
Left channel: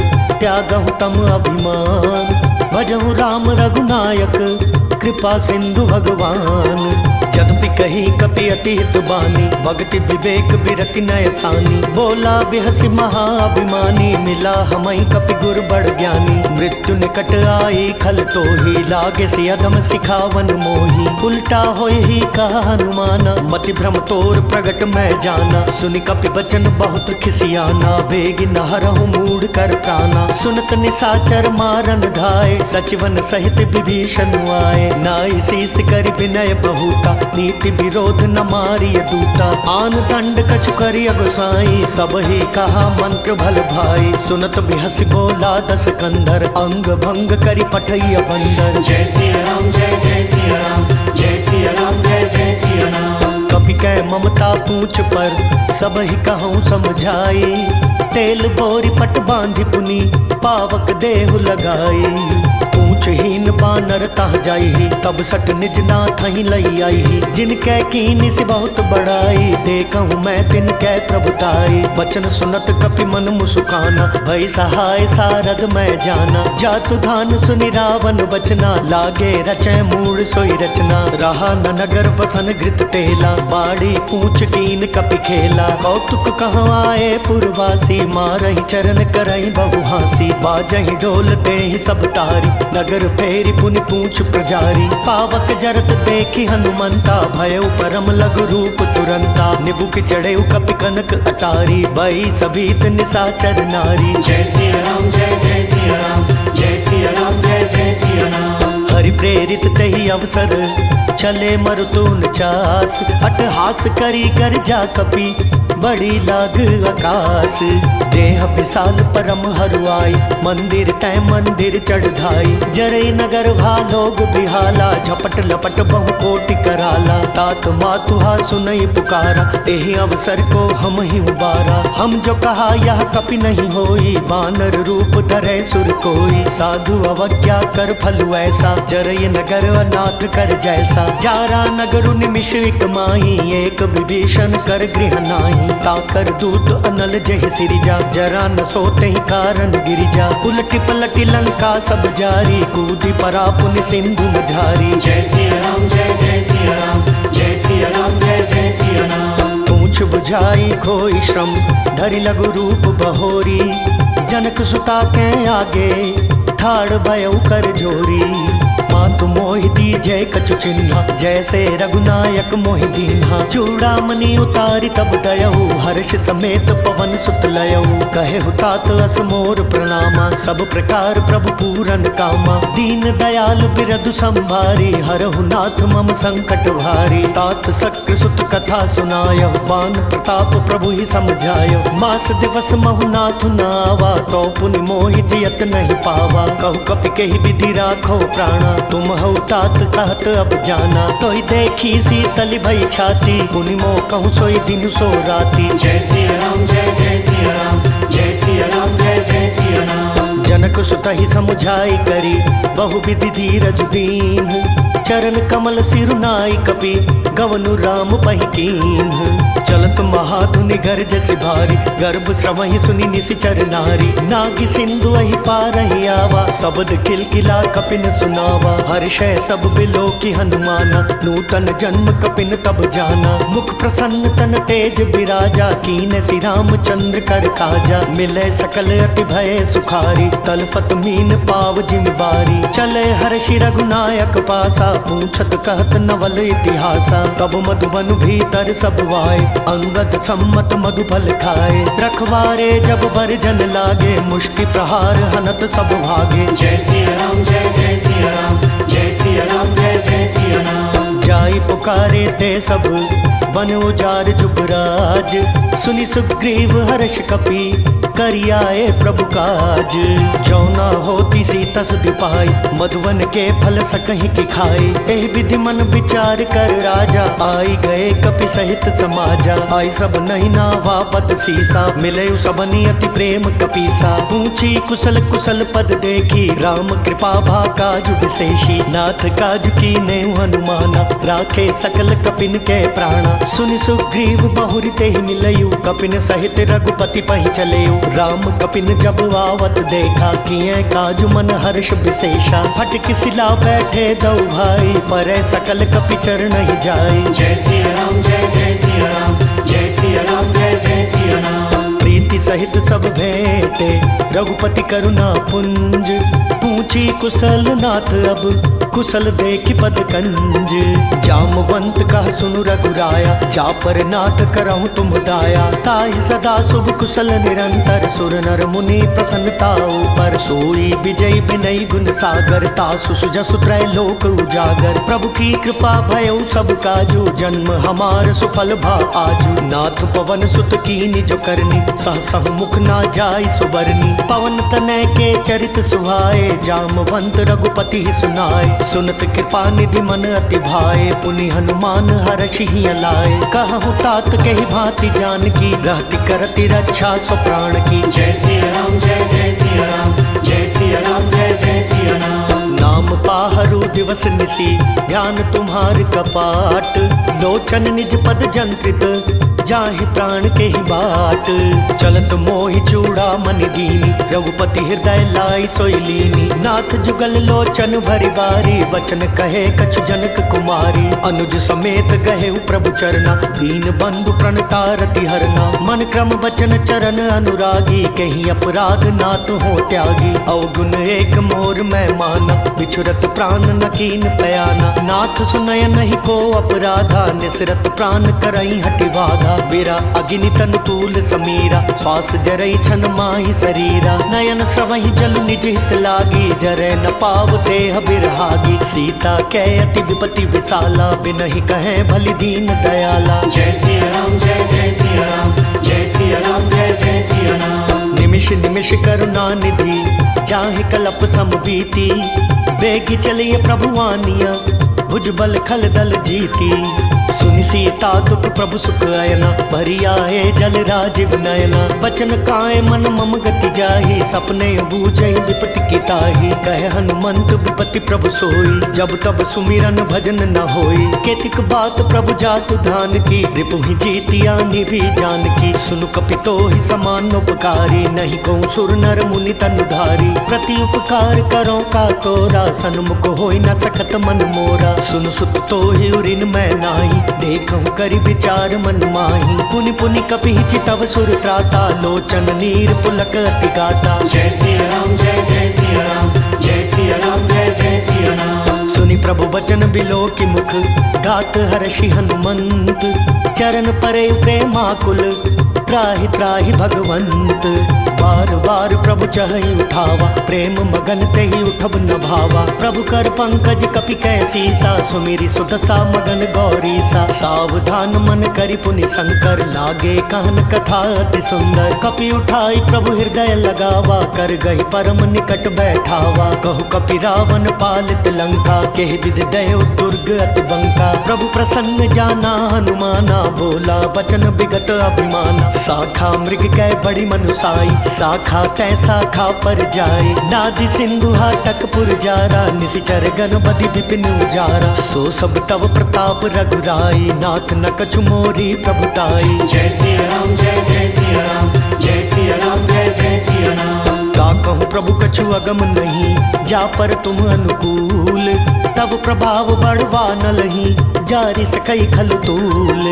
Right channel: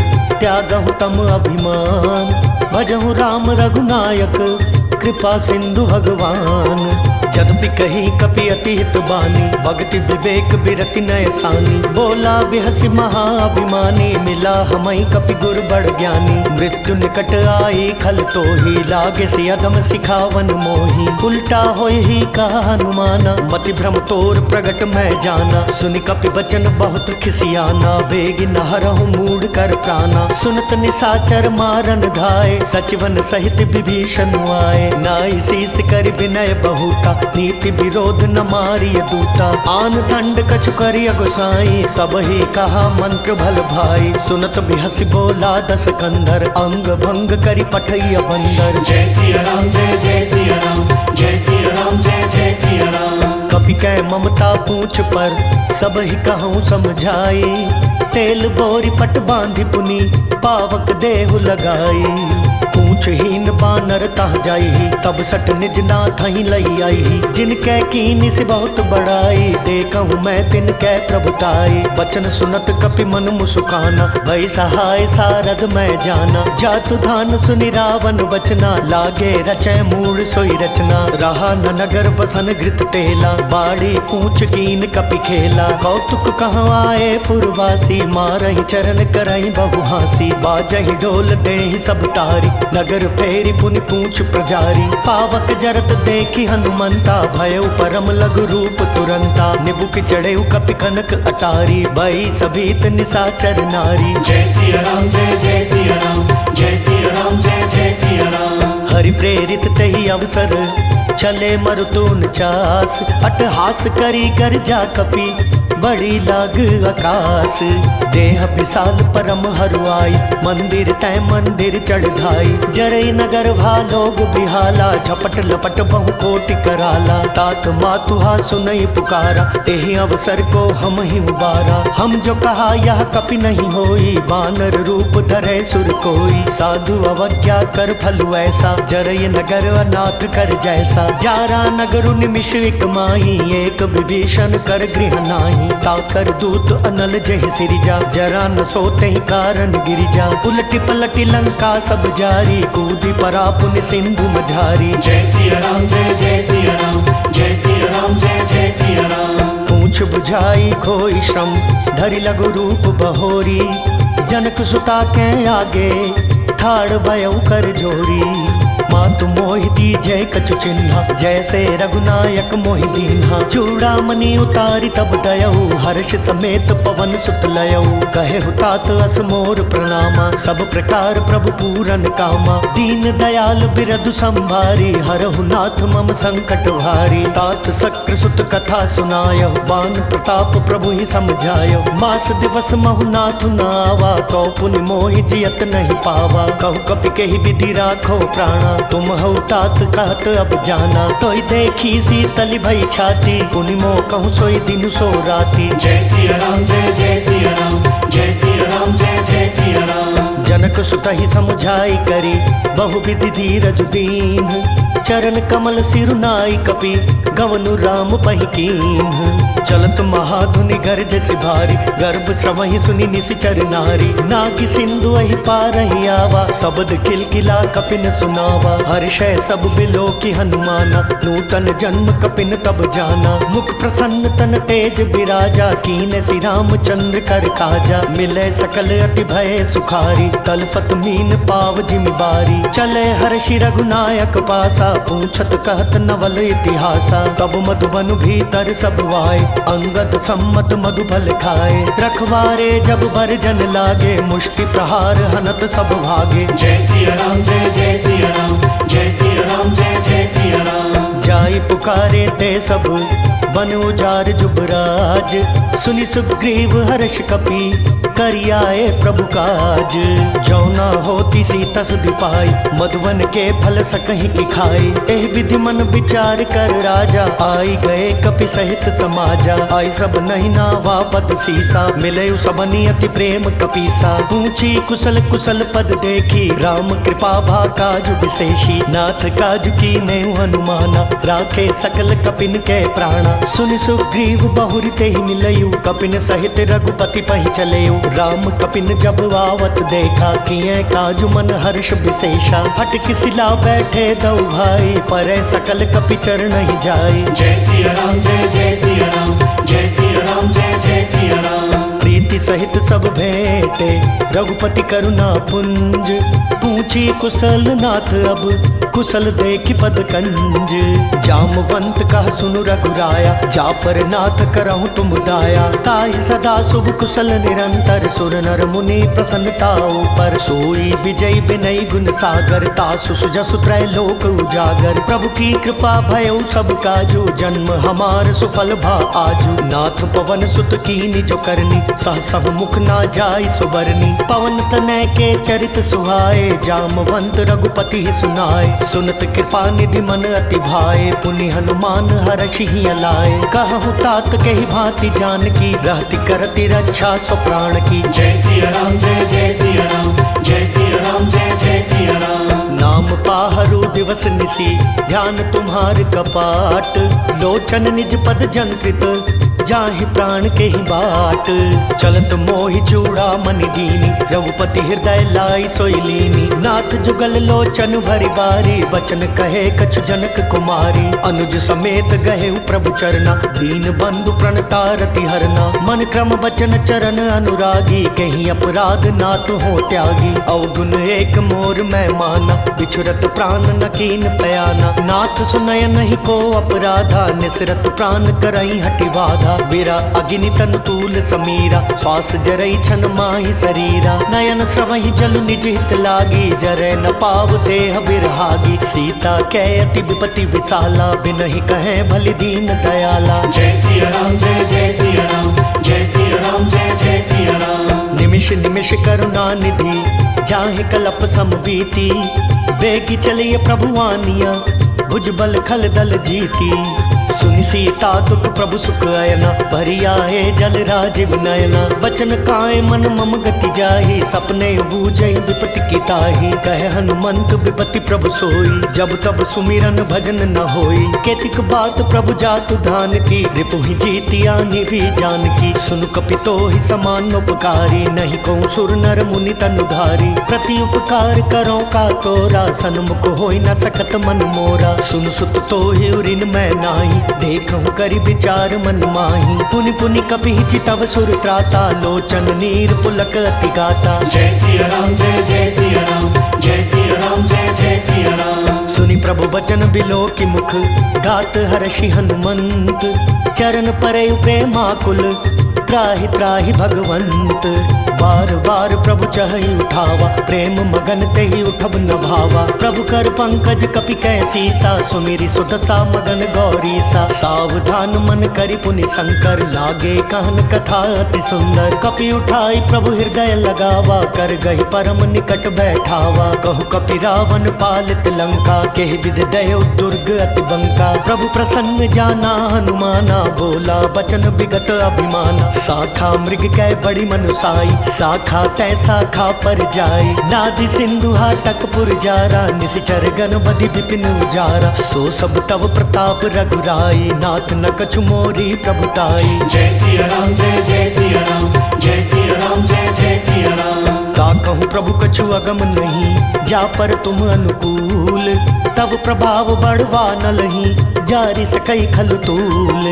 त्यागहु तम अभिमान। भजहु राम रघुनायक, कृपा सिंधु भगवान। जदपि कही कपि अति हित बानी, भगति विवेक बिरति नय सानी। बोला बिहसि महाअभिमानी, मिला हमई कपि गुर बड़ ज्ञानी। मृत्यु निकट आई खल तोहि, लागे से अधम सिखावन मोही। उल्टा होय ही कहा हनुमाना, मति भ्रम तोर प्रगट मैं जाना। सुनि कपि बचन बहुत खिसियाना, बेग न हरहु मूढ़ कर प्राणा। सुनत निसाचर मारन धाय, सचिवन सहित विभीषण आए। नाई शीस कर विनय बहुता, नीति विरोध न मारिय दूता। आन दंड कछु करिय गोसाई, सब ही कहा मंत्र भल भाई। सुनत बिहसि बोला दस कंधर, अंग भंग करि पठैय बंदर। जय सिया राम जय जय सिया राम, जय सिया राम जय जय सिया राम। कपि कै ममता पूछ पर, सब ही कहूँ समझाई। तेल बोरी पट बांधि पुनि, पावक देहु लगाई। पूछहीन बानर तह जाई, तब सट निज नाथ ही लई आई। जिनकै कीन से बहुत बड़ाई, देखहु मैं तिनकै प्रभुताई। बचन सुनत कपि मन मुसुकाना, भई सहाय सारद मैं जाना। जातु धान सुनि रावण बचना, लागे रचै मूढ़ सोई रचना। रहा न नगर बसन घृत तेला, बाड़ी पूछ कीन कपि खेला। कौतुक कहँ आए पुरवासी, मारहि चरण करहि बहु हासी। बाजहि ढोल देहि सब तारी, नगर फेरी पुनि पूछ प्रजारी। पावक जरत देखी हनुमंता, भयउ परम लघु रूप तुरंता। निबुक चढ़ेउ कपि कनक अटारी, बई सभीत निसाचर नारी। जय सिया राम जय जय सिया राम, जय सिया राम जय जय सिया राम। हरि प्रेरित तहि अवसर, चले मरुतून चास। अटहास करी कर जा कपि, बड़ी लाग आकाश। देह विशाल परम हरुआई, मंदिर तय मंदिर चढ़ धाई। जरई नगर भालोग बिहाला, झपट लपट बहु कोटि कराला। तात मातुहा सुनई पुकारा, तेहि अवसर को हम ही उबारा। हम जो कहा यह कपि नहीं होई, बानर रूप धरे सुर कोई। साधु अवज्ञा कर फलु ऐसा, जरई नगर अनाथ कर जैसा। जारा नगरु निमिष एक माही, एक विभीषण कर गृह नाही। ताकर दूत अनल जहि सिरिजा, जरा न सोते ही कारण गिरिजा। उलटी पलटी लंका सब जारी, कूदी परा पुनि सिंधु मझारी। जय सिया राम जय जय सिया राम, जय सिया राम जय जय सिया राम। पूछ बुझाई खोई श्रम, धरि लघु रूप बहोरी। जनक सुता के आगे, ठाड़ भयउ कर जोरी। मातु मोहि दीजय कछु चिन्हा, जैसे रघुनायक मोहि दीन्हा। चूड़ामणि उतारी तब दयऊ, हर्ष समेत पवन सुत लयऊ। कहे हुतात अस मोर प्रणामा, सब प्रकार प्रभु पूरन कामा। दीन दयाल बिरधु संभारी, हरहु नाथ मम संकट भारी। तात सक्र सुत कथा सुनायो, बान प्रताप प्रभु ही समझायो। मास दिवस महु नाथ नावा, तो पुनि मोहि जियत नहीं पावा। कहु कपि केहि विधि राखो प्राणा, तुम हऊ तात कहत अब जाना। तोहि देखी शीतल भई छाती, पुनि मोह कहूँ सोई दिन सो राती। जय सिया राम जय जय सिया राम, जय सिया राम जय जय सिया राम। जनक सुत ही समुझाई करी, बहु विधि धीरज दीन। चरण कमल सिरु नाई कपि, गवनु राम पहि कीन्ह। चलत महाधुनि गर्ज से भारी, गर्भ श्रवहि सुनि निशिचर नारी। नागी सिंधु अहि पारहि आवा, शब्द किलकिला कपिन सुनावा। हर्षै सब बिलो की हनुमाना, नूतन जन्म कपिन तब जाना। मुख प्रसन्न तन तेज बिराजा, कीन श्री रामचंद्र कर काजा। मिले सकल अति भय सुखारी, तलफत मीन पाव जिमि बारी। चले हर्षि रघुनायक पासा, पूछत कहत नवल इतिहासा। तब मधुबन भीतर सब वाए, अंगद सम्मत मधुफल खाए। रखवारे जब बरजन लागे, मुष्टि प्रहार हनत सब भागे। जय सिया राम जय जय सिया राम, जय सिया राम जय जय सिया राम। जाई पुकारे ते सब, बन उजार जुबराज। सुनि सुग्रीव हर्ष कपि, करियाए प्रभु काज। जौना होती सी तस दिपाई, मधुवन के फल सकहि की खाई। एह विधि मन विचार कर राजा, आई गए कपि सहित समाजा। आई सब नहीं नावा पद सीसा, मिले सबनि अति प्रेम कपीसा। पूछी कुशल कुशल पद देखी, राम कृपा भा काजु विशेषी। नाथ काजु की नेहु हनुमाना, राखे सकल कपिन के प्राणा। सुनि सुग्रीव बहुरि तेहि मिलयु, कपिन सहित रघुपति पहि चलेउ। राम कपिन जब आवत देखा, किए काजु मन हर्ष विशेषा। फटक सिला बैठे दौ भाई, परै सकल कपि चरण ही जाई। जय सिया राम जय जय सिया राम, जय सिया राम जय जय सिया राम। प्रीति सहित सब भेंटे, रघुपति करुणा पुंज। पूछी कुशल नाथ अब, कुशल देखि पद कंज। जामवंत कह सुनु रघुराया, जा पर नाथ करहु तुम दाया। ताहि सदा शुभ कुशल निरंतर, सुर नर मुनि प्रसन्नता ऊपर। सोई विजय विनय गुण सागर, तासु सुजसु त्रय लोक उजागर। प्रभु की कृपा भयउ सब काजू, जन्म हमार सुफल भा आजू। नाथ पवन सुत कीनि जो करनी, सहसहु मुख ना जाय सुबरनी। पवन तनय के चरित सुहाए, जामवंत रघुपति सुनाए। सुनत कृपा निधि मन अति भाए, पुनि हनुमान हर्षि ही अलाए। कहूँ तात कही भांति जानकी, रहति करति रक्षा स्व प्राण की। जय सिया राम जय जय सिया राम, जय सिया राम जय जय सिया राम। नाम पाहरु दिवस निसी, ध्यान तुम्हार कपाट। लोचन निज पद जंत्रित, जाहि प्राण के ही बाट। चलत मोहि चूड़ामणि दीनी, रघुपति हृदय लाई सोई लीनी। नाथ जुगल लोचन भरि बारी, बचन कहे कछु जनक कुमारी। अनुज समेत गहे प्रभु चरना, दीन बंधु प्रणतारति हरना। मन क्रम बचन चरण अनुरागी, कहीं अपराध नाथ हो त्यागी। अवगुण एक मोर मैं माना, बिछुरत प्राण न कीन पयाना। नाथ सुनय नहीं को अपराधा, निसरत प्राण करई हटि बाधा। बिरा अग्नि तनु तूल समीरा, श्वास जरई छन माहि शरीरा। नयन स्रवहि जल निज हित लागी, जरै न पाव देह बिरहागी। सीता कै अति विपति विशाला, बिनहि कहे भलि दीन दयाला। जय सिया राम जय जय सिया राम, जय सिया राम जय जय सिया राम। निमिष निमिष करुणा निधि, जाहि कलप सम बीती। बेगी चलिए प्रभु आनिया, भुजबल खल दल जीती। सुनि सीता दुख प्रभु सुख अयना, भरिया है जल राजीव नयना। बचन काय मन मम गति जाहि, सपने बूझई विपति की ताहि। कहे हनुमंत विपति प्रभु सोई, जब तब सुमिरन भजन न होई। केतिक बात प्रभु जातु धान की, रिपुहि जीतिया निभि जानकी। सुनु कपितो ही समान उपकारी, नहीं को सुर नर मुनि तनुधारी। प्रति उपकार करो का तोरा, सन्मुख होई न सकत मन मोरा। सुन सुत तो ही उरिन मैं नाही, देखूं करि विचार मन माही। पुनि पुनि कपि चितव सुर त्राता, लोचन नीर पुलक अति गाता। जय सिया राम जय जय सिया राम, जय सिया राम जय जय सिया राम। सुनि प्रभु बचन बिलो की मुख, गात हर्षि हनुमंत। चरण परे प्रेमाकुल, त्राहि त्राहि भगवंत। बार बार प्रभु चहि उठावा, प्रेम मगन तेहि उठब न भावा। प्रभु कर पंकज कपि कैसीसा, सुमिरि सुदशा मगन गौरीसा। सावधान मन करि पुनि शंकर, लागे कहन कथा अति सुंदर। कपि उठाई प्रभु हृदय लगावा, कर गहि परम निकट बैठावा। कहु कपि रावण पालित लंका, केहि विधि दयो दुर्ग अति बंका। प्रभु प्रसन्न जाना हनुमाना, बोला बचन विगत अभिमाना। शाखा मृग कै बड़ी मनुसाई, शाखा तै शाखा पर जाए। नादि सिंधु हाटक पुर जारा, निशिचर गण बदि विपिन उजारा। सो सब तव प्रताप रघुराई, नाथ न कछु मोरी प्रभुताई। जय सिया राम जय जय सिया राम, जय सिया राम जय जय सिया राम। ता कहूँ प्रभु कछु अगम नहीं, जा पर तुम अनुकूल। तब प्रभाव बढ़वा न लही, जारि सकई खल तूल।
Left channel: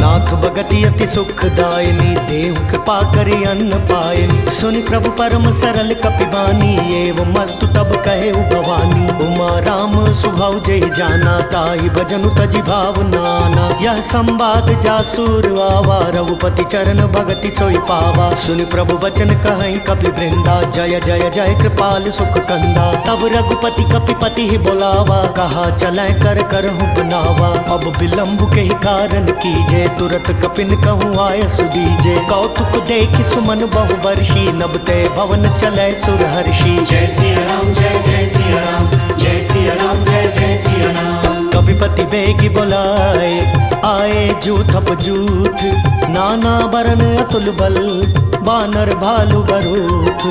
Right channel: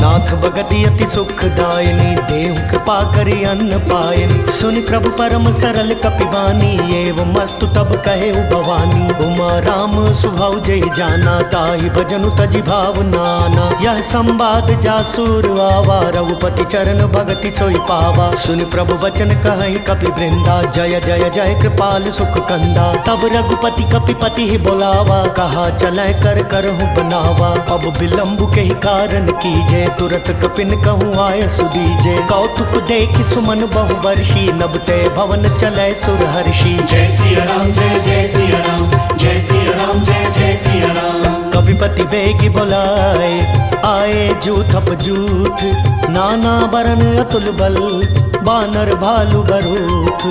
नाथ भगति अति सुखदायिनी, देहु कृपा करि अन्न पायनि। सुनि प्रभु परम सरल कपि बानी, एवं मस्तु तब कहे भवानी। उमा राम सुभाव जय जाना, ताहि भजनु तजि भाव नाना। यह संवाद जासुर आवा, रघुपति चरण भगति सोई पावा। सुनि प्रभु बचन कहहि कपि वृंदा, जय जय जय कृपाल सुख कंदा। तब रघुपति कपिपति ही बोलावा, कहा चलै कर करहु बनावा। अब विलंब के ही कारण कीजे, तुरत कपिन कहूँ आय सुदीजे। कौतुक देखि सुमन बहु वर्षी, नब ते भवन चलै सुर हर्षि। जय सिया राम जय जय सिया राम, जय सिया राम जय जय सिया राम। कपिपति बेगी बोलाए, आए जूथप जूथ। नाना बरन अतुल बल, बानर भालु बरूथ।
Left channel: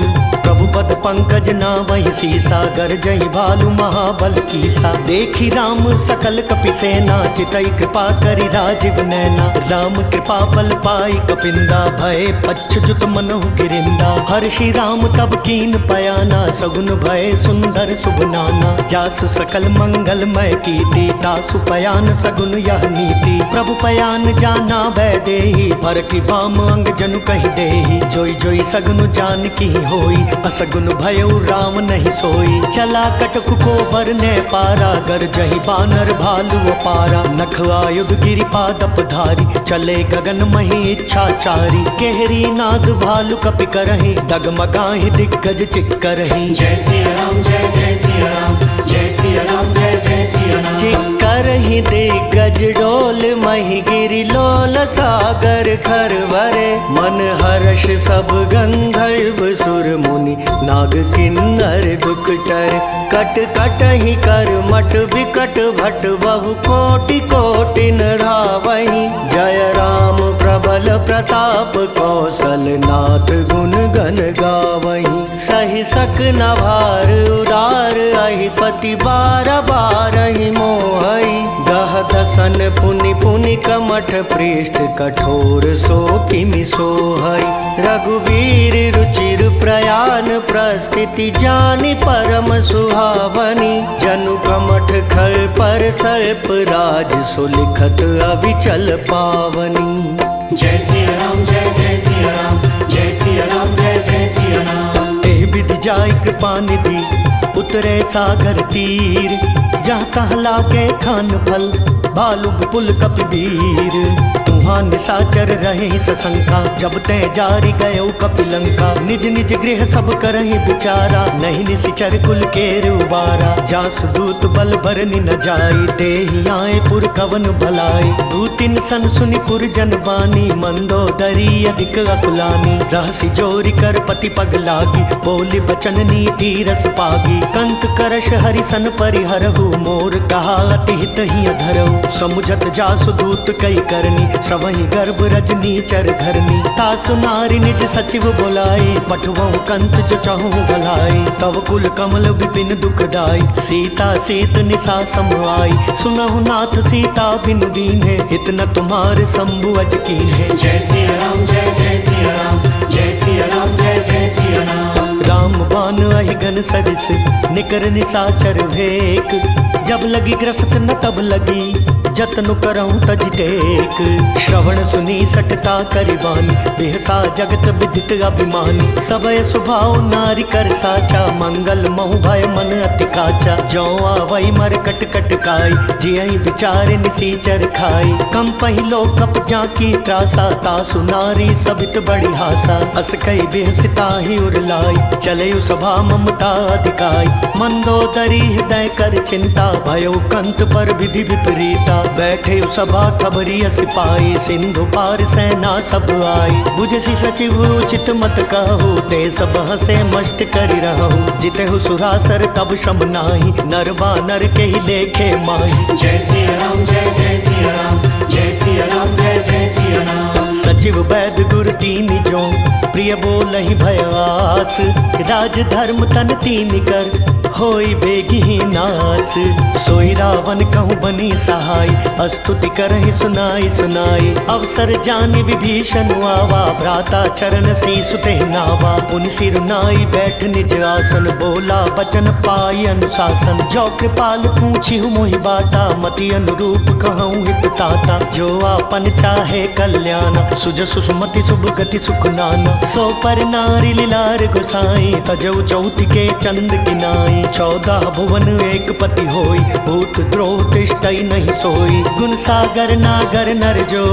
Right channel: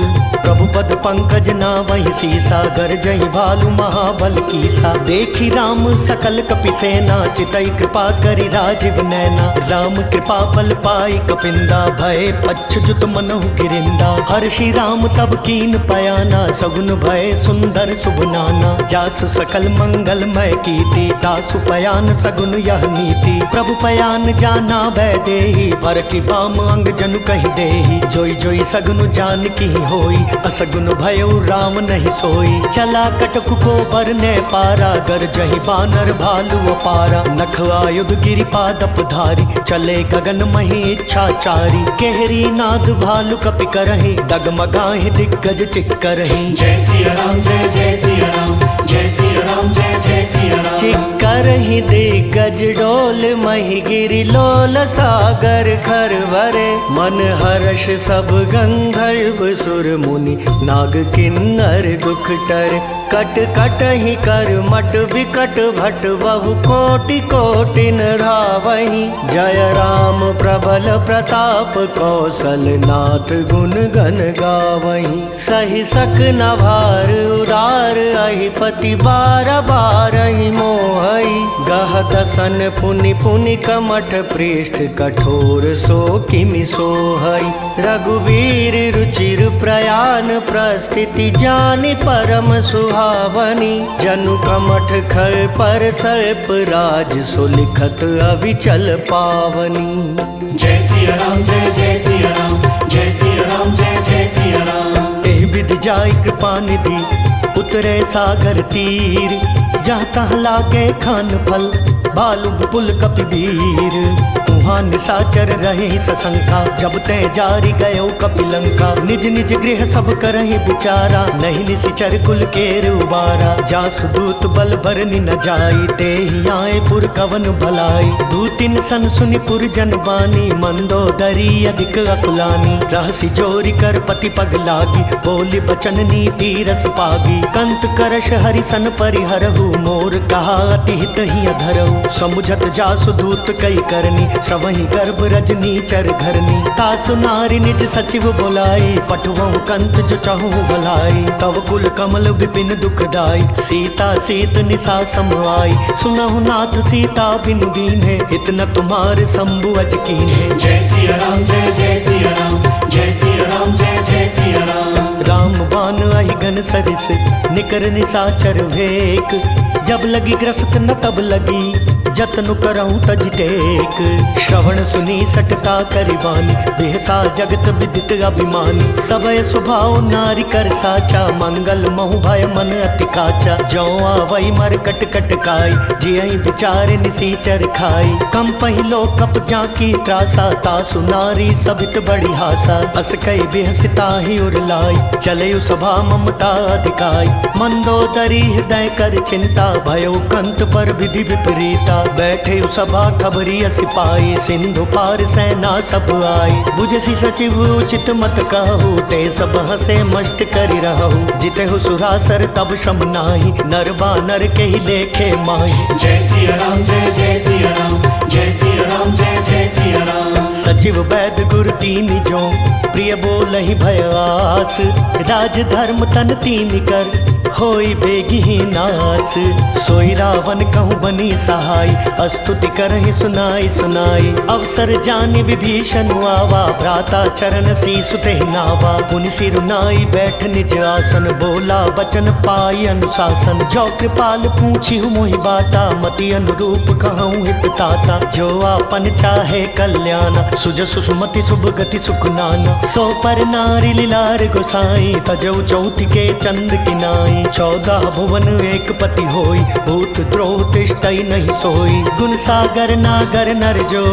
प्रभु पद पंकज ना वही सीसा, गरजहि भालु महाबल कीसा। देखी राम सकल कपि सेना, चितई कृपा करि राजीव नैना। राम कृपा बल पाई कपिंदा, भय पच्छुत मनहु गिरिंदा। हर्षि राम तब कीन पयाना, सगुन भय सुंदर शुभ नाना। जासु सकल मंगलमय कीर्ति, तासु पयान सगुन यह नीति। प्रभु पयान जाना भय देहि, पर की बाम अंग जनु कहि देहि। जोई जोई सगुन जान की होई, असगुन भयउ राम नहीं सोई। चला कटकु को बरने पारा, गरजहि बानर भालु अपारा। नख आयुध गिरि पादप धारी, चले गगन मही इच्छाचारी। केहरी नाद भालु कपि करहि, डगमगाहि दिग्गज चिक्करहि। जय सिया राम जय जय सिया राम, जय सिया राम जय जय सिया राम। चिक्करहि दिग्गज डोल, मही गिरि लोल सागर खर भरे। मन हर्ष सब गंधर्व सुर मुनि, नाग किन्नर दुख टर। कट कट ही कर मट विकट भट, बहु कोटि कोटि न धावहि। जय राम प्रबल प्रताप, कौशल नाथ गुण गण गावहि। सहि सक न भार उदार, अहिपति बार बारहि मोहई। गह दसन पुनि पुनि कमठ, पृष्ठ कठोर सो किमि सोहई। रघुवीर रुचिर प्रयाण, प्रस्थिति जानि परम सुहावनी। जनु कमठ खर पर सर्प राज, सुलिखत अविचल पावनी। जय सिया राम जय जय सिया राम, जय सिया राम जय जय सिया राम। एह विधि जाय कृपा निधि, उतरे सागर तीर। जहाँ तहाँ लागे खान फल, भालु विपुल कपि वीर। तुहाँ निशाचर रहे सशंका, जब ते जारी गयो कपिलंका। निज निज गृह सब करहि विचारा, नहीं निशिचर कुल केर उबारा। जासु दूत बल भरनि न जाई, तेहि आए पुर कवन भलाई। दूतिन सन सुनि पुर जन बानी, मंदोदरी अधिक अकुलानी। रहसि जोरि कर पति पग लागी, बोली बचन नीति रस पागी। कंत करश हरिसन परिहरहु, मोर कहा अति हित ही अधरहु। समुझत जासु दूत कई करनी, श्रवहि गर्भ रजनी चर घरनी। तासु नारी निज सचिव बोलाई, पठवहु कंत जो चहु भलाई। तव कुल कमल विपिन दुखदाई, सीता सीत निशा सम आई। सुनहु नाथ सीता बिनु दीन्हे, इतना तुम्हारे शंभु अज कीन्हे। जय सिया राम जय जय सिया राम, जय सिया राम जय जय सिया राम। राम राम बान अहि गन सरिस निकर निसाचर भेक। जब लगी ग्रस्त न तब लगी जतनु करऊं तज टेक। श्रवण सुनी सटता करिबानी बेहसा जगत विदित अभिमानी। सबय स्वभाव नारी कर साचा मंगल महु भय मन अति काचा। जौ आवई मर कट कट काई जियहि विचार निसीचर खाई। कम पहिलो कप जाकी त्रासा तासु नारी सबित बड़ी हासा। अस कई बेहसिता ही उरलाई चलयु सभा ममता अधिकाई। मंदोदरी हृदय कर चिंता भयो कंत पर विधि विपरीता। बैठे सभा खबरी सिपाही सिंधु पार सेना सब आई। बुझसी सचिव उचित मत कहू ते सब हसे मस्त करि रहू। जिते हु सुरासर तब शम नाही नर बानर के ही लेखे माही। जय सिया राम जय जय सिया राम जय सिया राम जय जय सिया राम। सचिव वैद गुर तीन जो प्रिय बोलहि भय आस। राज धर्म तन तीन कर होई बेगी नास। सोई रावण कहूँ बनी सहाय स्तुति करहि सुनाई सुनाई। अवसर जानि विभीषण आवा भ्राता चरण शीस तेहि नावा। पुनि सिर नाई बैठ निज आसन बोला बचन पाई अनुशासन। जो कृपाल पूछी मोहि बाता मति अनुरूप कहूँ हित ताता। जो आपन चाहे कल्याण सुजसु सुमति शुभ गति सुख नाना। सो पर नारी लीलार गोसाई तजऊ चौथ के चंद किनाई। 14 भुवन एक पति होई भूत द्रोह तिष्ठई नहीं सोई। गुण सागर नागर नर जो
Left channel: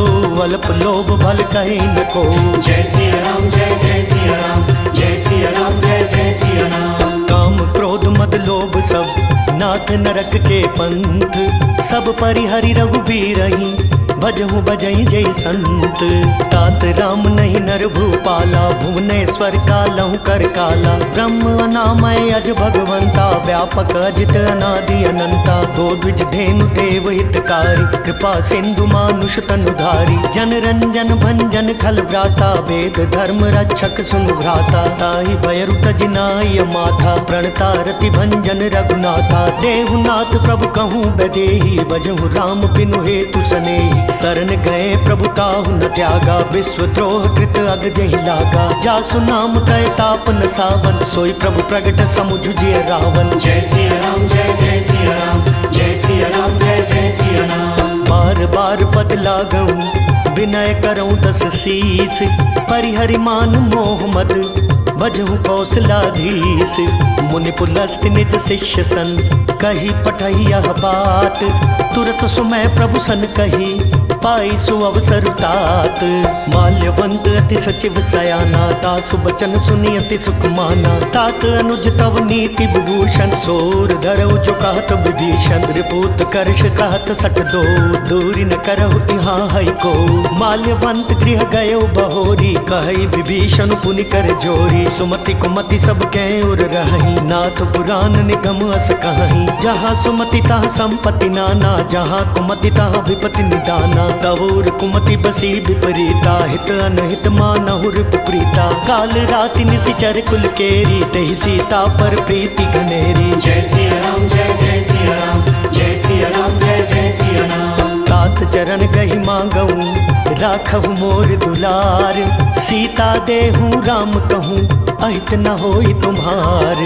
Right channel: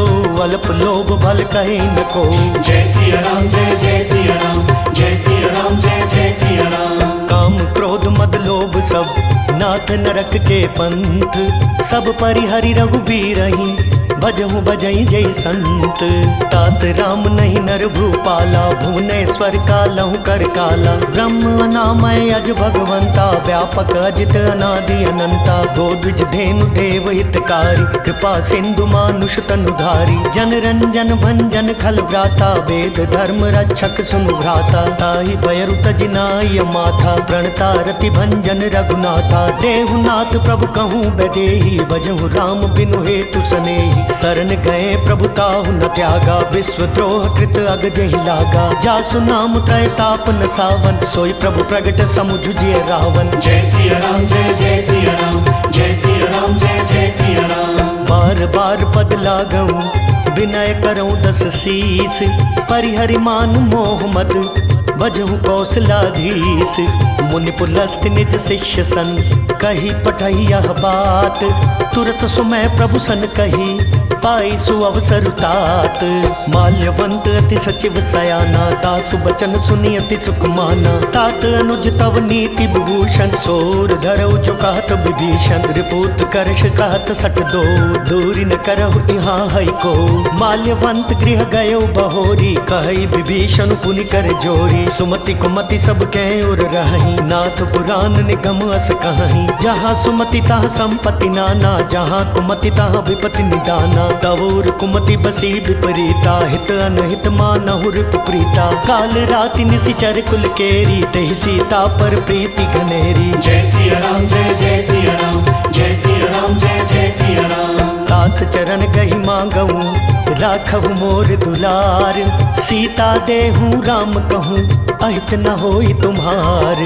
अल्प लोभ भल कहीं न को। जय सिया राम जय जय सिया राम जय सिया राम जय जय सिया राम। काम क्रोध मद लोभ सब नाथ नरक के पंथ। सब परिहरि रघुबीरहि भजहु बजई जय संत। तात राम नहीं नर भूपाला भुवनेश्वर कालहु कर काला। ब्रह्म अनामय अज भगवंता व्यापक अजित अनादि अनंता। गोद्विज धेनु देव हितकारी कृपा सिंधु मानुष तनुधारी। जन रंजन भंजन खल व्राता वेद धर्म रक्षक सुनु भ्राता। ताहि भयरु तजिनाय माथा प्रणता रति भंजन रघुनाथा। देहुनाथ प्रभु कहूँ बदेही भजहु राम बिनु हेतु सनेही। शरण गए प्रभुताहु न त्यागा विश्वद्रोह कृत अग जहि लागा। जासु नाम त्रय ताप न सावन सोई प्रभु प्रगट समुझुजिय रावण। जय सिया राम जय जय सिया राम जय सिया राम जय जय सिया राम। बार बार पद लागऊं विनय करऊं 10 शीस। परिहरि मान मोह मद भजहु कौशलाधीश। मुनि पुलस्त निज शिष्य सन कही पठही यह बात। तुरत सुमय प्रभु सन कही पाई सु अवसर तात। माल्यवंत अति सचिव सयाना तासु बचन सुनी अति सुख माना। तात अनुज तव नीति विभूषण सोर धरऊ जो कहत विभीषण। रिपुत करश कहत सठ दो दूरी न करहु यहाँ हई को। माल्यवंत गृह गयो बहोरी कहई विभीषण पुनि कर जोरी। सुमति कुमति सब कै उर रही नाथ पुराण निगम अस कहीं। जहाँ सुमति तहाँ संपत्ति नाना जहाँ कुमति तहाँ विपत्ति निदाना। तवुर कुमति बसी विपरीता हित अनहित मानहुर कुप्रीता। काल राति निशिचर कुल केरी तेहि सीता पर प्रीति घनेरी। जय सिया राम जय जय सिया राम जय सिया राम जय जय सिया राम। तात चरण गहि मांगऊं राखहु मोर दुलार। सीता देहूँ राम कहूँ अहित न होई तुम्हार।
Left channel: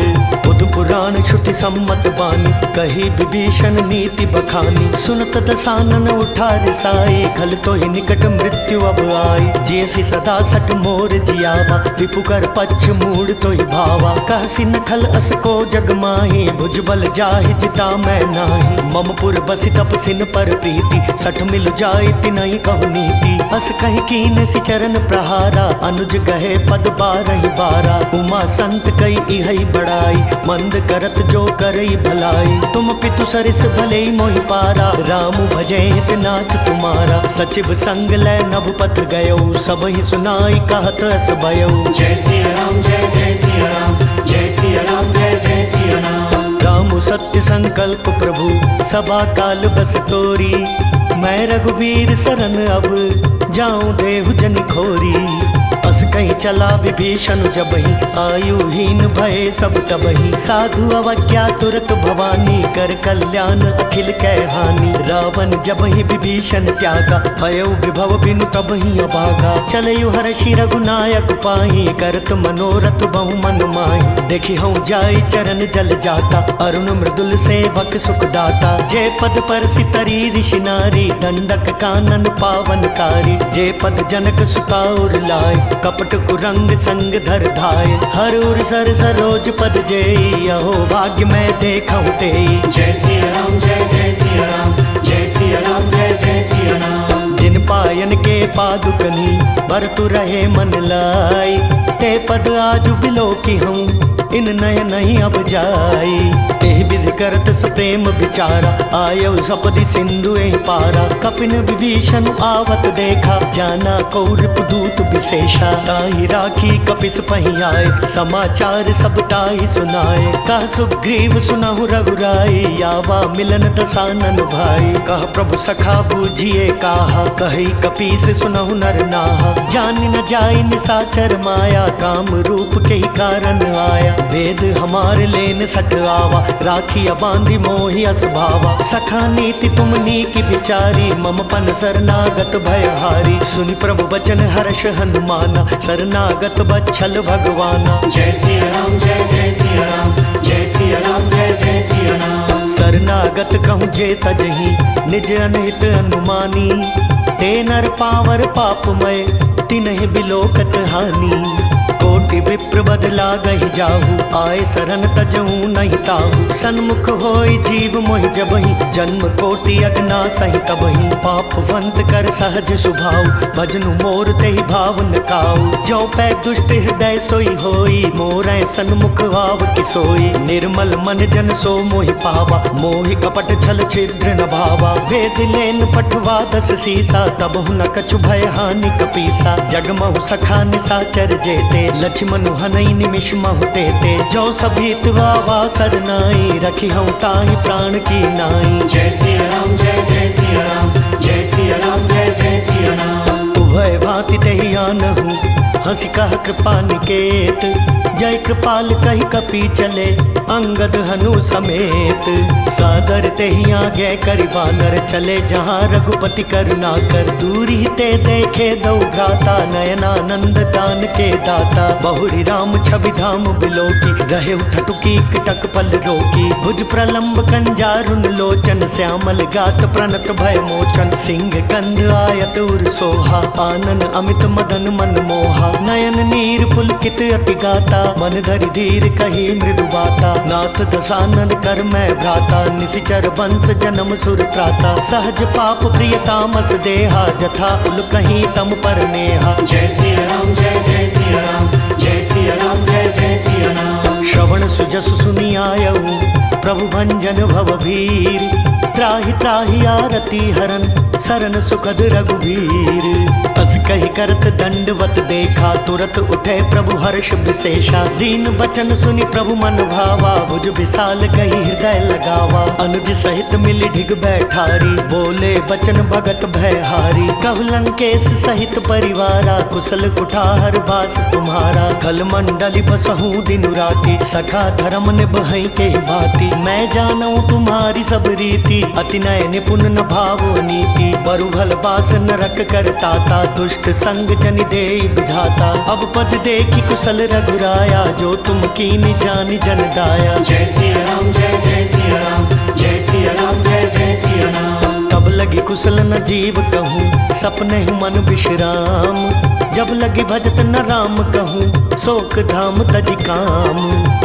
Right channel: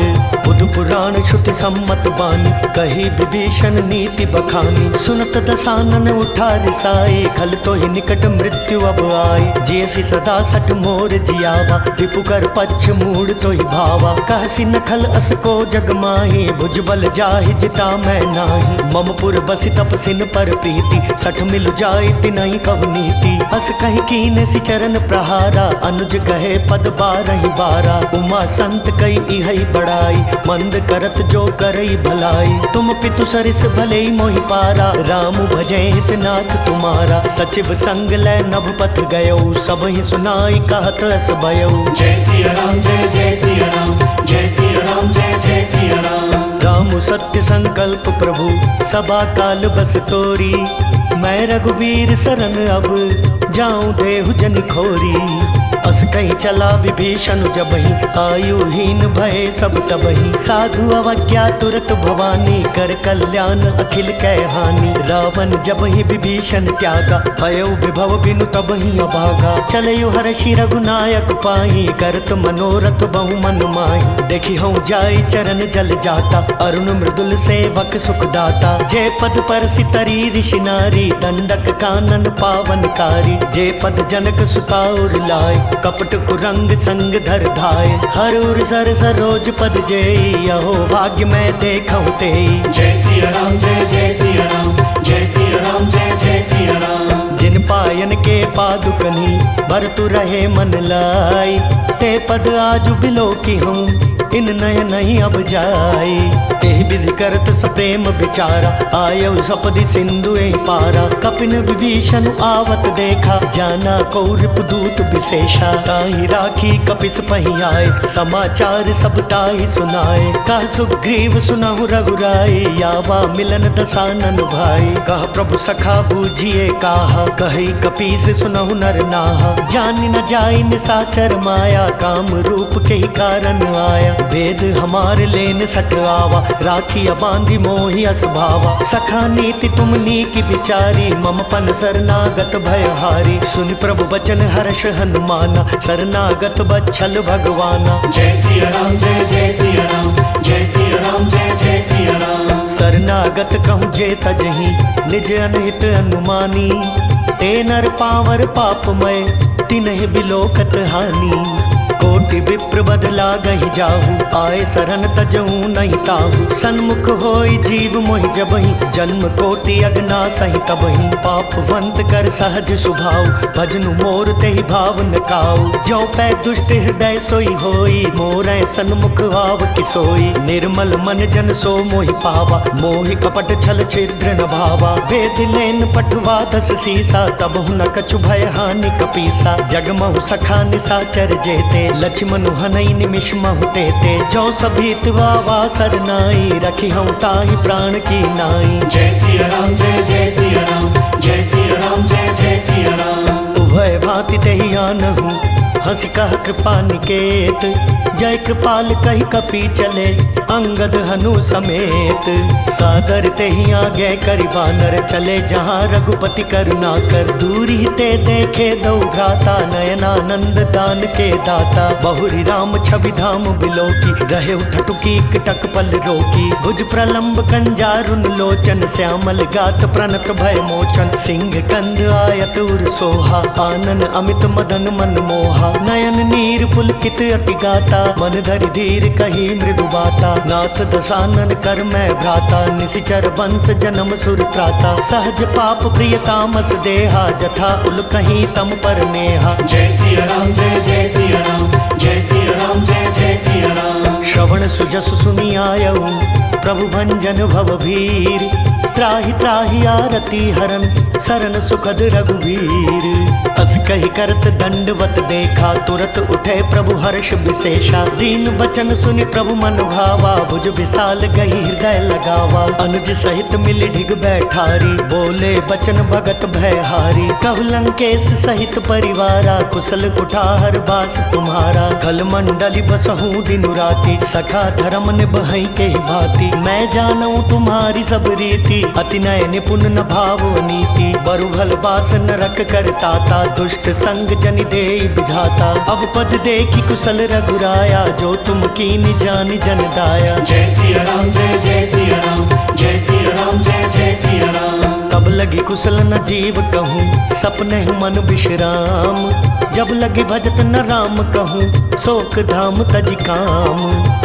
बुध पुराण श्रुति सम्मत बानी कही विभीषण नीति बखानी। सुनत दसानन उठा रिसाई खल तो ही निकट मृत्यु अब आई। जैसी सदा सठ मोर जियावा रिपु कर पक्ष मूड तो ही भावा। कहसी न खल अस को जग माही भुजबल जाहि जिता मैं नाही। ममपुर बसी तपसिन पर प्रीति सठ मिल जाय तिनहि कहु नीति। अस कहीं कीने सि चरण प्रहारा अनुज गहे पद 12 12। उमा संत कई इहई बड़ाई मंद करत जो करई भलाई। तुम पितु सरिस भले मोहि पारा राम भजैत नाथ तुम्हारा। सचिव संग लै नभ पथ गयो सब ही सुनाई कहत अस भयो। जय सिया राम जय जय सिया राम जय सिया राम जय जय सिया राम। राम सत्य संकल्प प्रभु सभा काल बस तोरी। मैं रघुवीर शरण अब जाऊं देहु जन खोरी। अस कहीं चला विभीषण जबहि आयुहीन भय सब तबहि। साधु अवज्ञा तुरत भवानी कर कल्याण अखिल कै हानि। रावण जबहि विभीषण त्यागा भयो विभव बिनु तबहि अभागा। चलयु हर्षि रघुनायक पाई करत मनोरथ बहु मन माही। देखी हूँ जाय चरण जल जाता अरुण मृदुल सेवक सुख दाता। जय पद पर सितरी ऋषि नारी दंडक कानन पावनकारी। जय पद जनक सुताउर लाय कपट कुरंग संग धर धाय। हर उर सर सरोज पद जेई अहो भाग्य मैं देखऊं तेई। जय सिया राम जय जय सिया राम जय सिया राम जय जय सिया राम। जिन पायन के पादुकनी बरतु रहे मन लाई। ते पद आजु बिलो की हूँ इन नय नहीं अब जाई। एहि विधि करत सप्रेम विचारा आयउ सपदि सिंधु एहि पारा। कपिन विभीषण आवत देखा जाना कौरप दूत विशेषा। ताहि राखी कपिस पहि आए समाचार सब ताहि सुनाए। कह सुग्रीव सुनहु रघुराई यावा मिलन दसानन भाई। कह प्रभु सखा बूझिए काहा कहि कपीस सुनहु नर नाहा। जानि न जाय निसाचर माया काम रूप के ही कारण आया। वेद हमार लेन सट आवा राखिया बांधी मोहि अस भावा। सखा नीति तुम नीकी बिचारी मम पन शरणागत भयहारी। सुनि प्रभु बचन हर्ष हनुमाना शरणागत बच्छल भगवाना। जय सिया राम जय जय सिया राम जय सिया राम जय जय सिया राम। शरणागत कहूँ जे तजहि निज अनहित अनुमानी। ते नर पावर पापमय तिन्हि बिलोकत हानि। कोटि विप्र बदला गहि जाहु आए शरण तजहु नहीं ताहु। सन्मुख होई जीव मोहि जबहि जन्म कोटि अगना सहि तबहि। पापवंत कर सहज सुभाव भजनु मोर तेहि भाव न काऊ। जो पै दुष्ट हृदय सोई होई मोरै सन्मुख आव किसोई। निर्मल मन जन सो मोहि पावा मोहि कपट छल छिद्र न भावा। वेद लेन पठवा दस सीसा तबहु न कछु भय हानि कपीसा। जगमहु सखा निसाचर जेते लक्ष्मण हनई निमिष महु तेते। जो सभीत वावा सरनाई रखी हूँ ताहि प्राण की नाई। जय सिया राम जय जय सिया राम जय सिया राम जय जय सिया राम। उभय भांति तेहि आनहु हंसी कह कृपा निकेत। जय कृपाल कही कपी चले अंगद हनु समेत। सादर तेहि आगे करि बानर चले जहाँ रघुपति करुणा कर। दूरी ते देखे दो भ्राता नयनानंद दान के दाता। बहुरी राम छवि धाम बिलोकी रहे ठटुकी कटक पल रोकी। भुज प्रलंब कंजारुन लोचन श्यामल गात प्रणत भय मोचन। सिंह कंध आयत उर सोहा आनन अमित मदन मन मोहा। नयन नीर पुलकित अति गाता मन धरि धीर कही मृदु बाता। नाथ दसानन कर मैं भ्राता निशिचर वंश जन्म सुर त्राता। सहज पाप प्रिय तामस देहा जथा उल कहीं तम पर नेहा। जय सिया राम जय जय सिया राम जय सिया राम जय जय सिया राम। श्रवण सुजस सुनि आयऊ प्रभु भंजन भव भीर। त्राहि त्राहि आरती हरन शरण सुखद रघुवीर। अस कही करत दंडवत देखा तुरत उठे प्रभु हर्ष विशेषा। दीन बचन सुनि प्रभु मन भावा भुज विशाल गही हृदय लगावा। अनुज सहित मिली ढिग बैठारी बोले बचन भगत भयहारी। कहु लंकेश सहित परिवारा कुशल कुठार बास तुम्हारा। खल मंडली बसहूँ दिनु राति सखा धर्म निबहई के भांति। मैं जानूं तुम्हारी सब रीति अति नय निपुण न भाव नीति। बरु भल बास नरक कर ताता दुष्ट संग जनि देई विधाता। अब पद देखी कुशल रघुराया जो तुम कीनि जानि जन दाया। जय सिया राम जय जय सिया राम जय सिया राम जय जय सिया राम। तब लगी कुशल न जीव कहूँ सपने मन विश्राम। जब लगी भजत न राम कहूँ शोक धाम तज काम।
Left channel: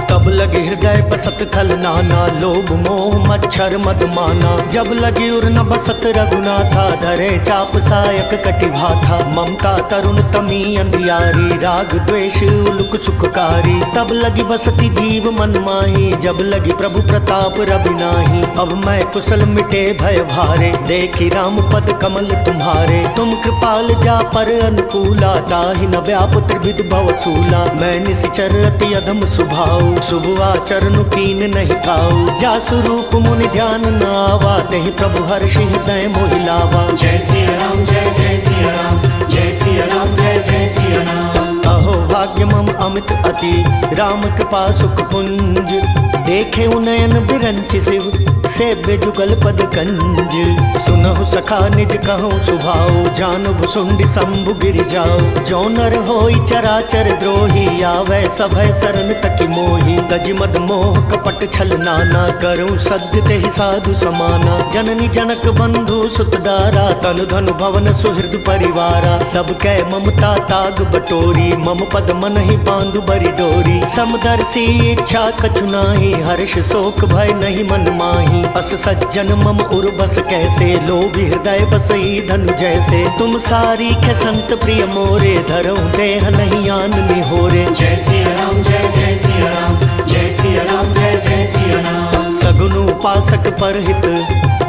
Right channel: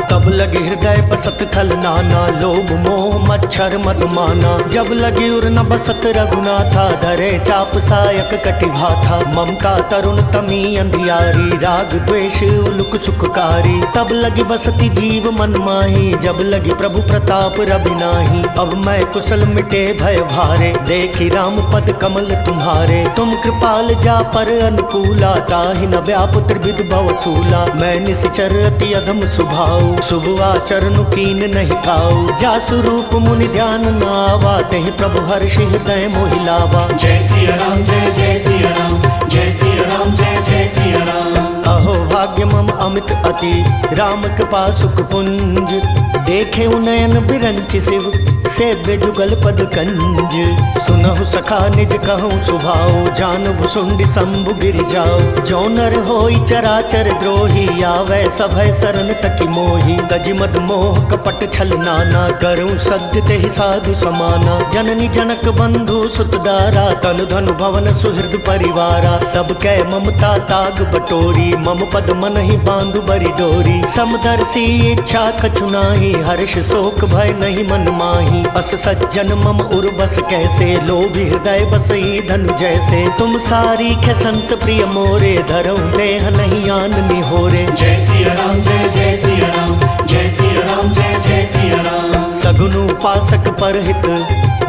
तब लगे हृदय बसत खल नाना लोभ मोह मच्छर मधुमाना। जब लगी उर न बसत रघुनाथा धरे चाप सायक कटिभा था। ममता तरुण तमी अंधियारी राग द्वेष उलुक सुखकारी। तब लगी बसती जीव मन माही जब लगी प्रभु प्रताप रवि नाही। अब मैं कुशल मिटे भय भारे देखी राम पद कमल तुम्हारे, तुम कृपाल जा पर अनुकूला, ताहि न व्याप त्रिविध भव सूला। मैं निश्चर अति अधम सुभाऊ, शुभ आचरण कीन नहीं काऊ। जा स्वरूप मुनि ध्यान न आवा, तेहि प्रभु हर्षि हृदय मोहि लावा। जय सिया राम जय जय सिया राम, जय सिया राम जय जय सिया राम। अहो भाग्य मम अमित अति, राम कृपा सुख पुंज। देखे उनयन बिरंच शिव, सेव्य जुगल पद कंज। सुनहु सखा निज कहूँ सुभाऊ, जानु भुसुंड शंभु गिरि जाओ। जो नर होई चराचर द्रोही, आवे सभय शरण तकी मोही। गज मद मोह कपट छल नाना, करूँ सत्य तेहि साधु समाना। जननी जनक बंधु सुत दारा, तनु धनु भवन सुहृद परिवारा। सब कै ममता ताग बटोरी, मम पद मन ही बांधु बरी डोरी। समदर्शी इच्छा कछु नाही, हर्ष शोक भय नहीं मन माही। अस सज्जन मम उर्बस कैसे, लोभी हृदय बसई धनु जैसे। तुम सारी खे संत प्रिय मोरे, धरऊं देह नहीं आन निहोरे। जय सिया राम जय जय सिया राम, जय सिया राम जय जय सिया राम। सगुन उपासक परहित,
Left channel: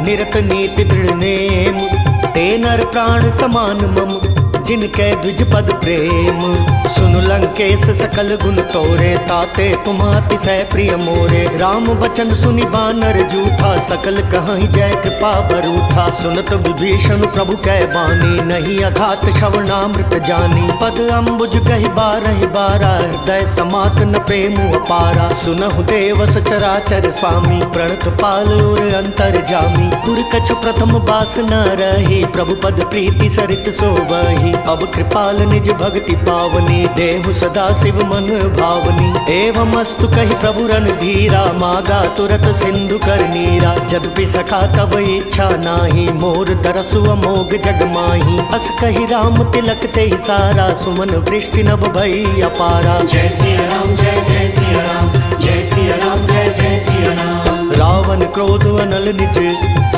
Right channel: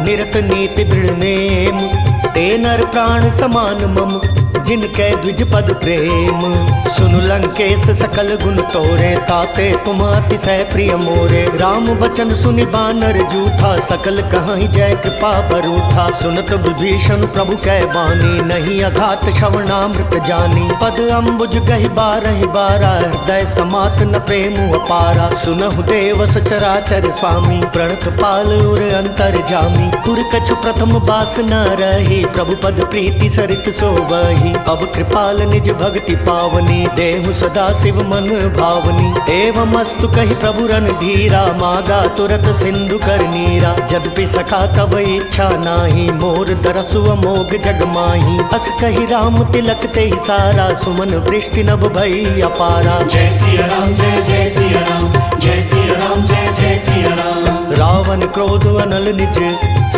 निरत नीति दृढ़ नेम। ते नर प्राण समान मम, जिनके द्विज पद प्रेम। सुनु लंकेश सकल गुण तोरे, ताते तुम अतिशय प्रिय मोरे। राम बचन सुनि बानर जूथा, सकल कहाई जय कृपा बरूथा। सुनत विभीषण प्रभु कै बानी, नहीं अघात श्रवणामृत जानी। पद अम्बुज गहि बारहि बारा, हृदय समात न प्रेम अपारा। सुनहु देव सचराचर स्वामी, प्रणत पाल उर अंतर जामी। पुर कछु प्रथम बास न रही, प्रभु पद प्रीति सरित सोवही। अब कृपाल निज भक्ति पावनी, देहु सदा शिव मन भावनी। एवं अस्तु कहि प्रभु रणधीरा, मागा तुरत सिंधु कर नीरा। जदपि सखा तब इच्छा नाही, मोर दरसु अमोघ जग माही। अस कहि राम तिलक तेहि सारा, सुमन वृष्टि नभ भई अपारा। जय सिया राम जय जय सिया राम, जय सिया राम जय जय सिया राम। रावण क्रोध अनल निज,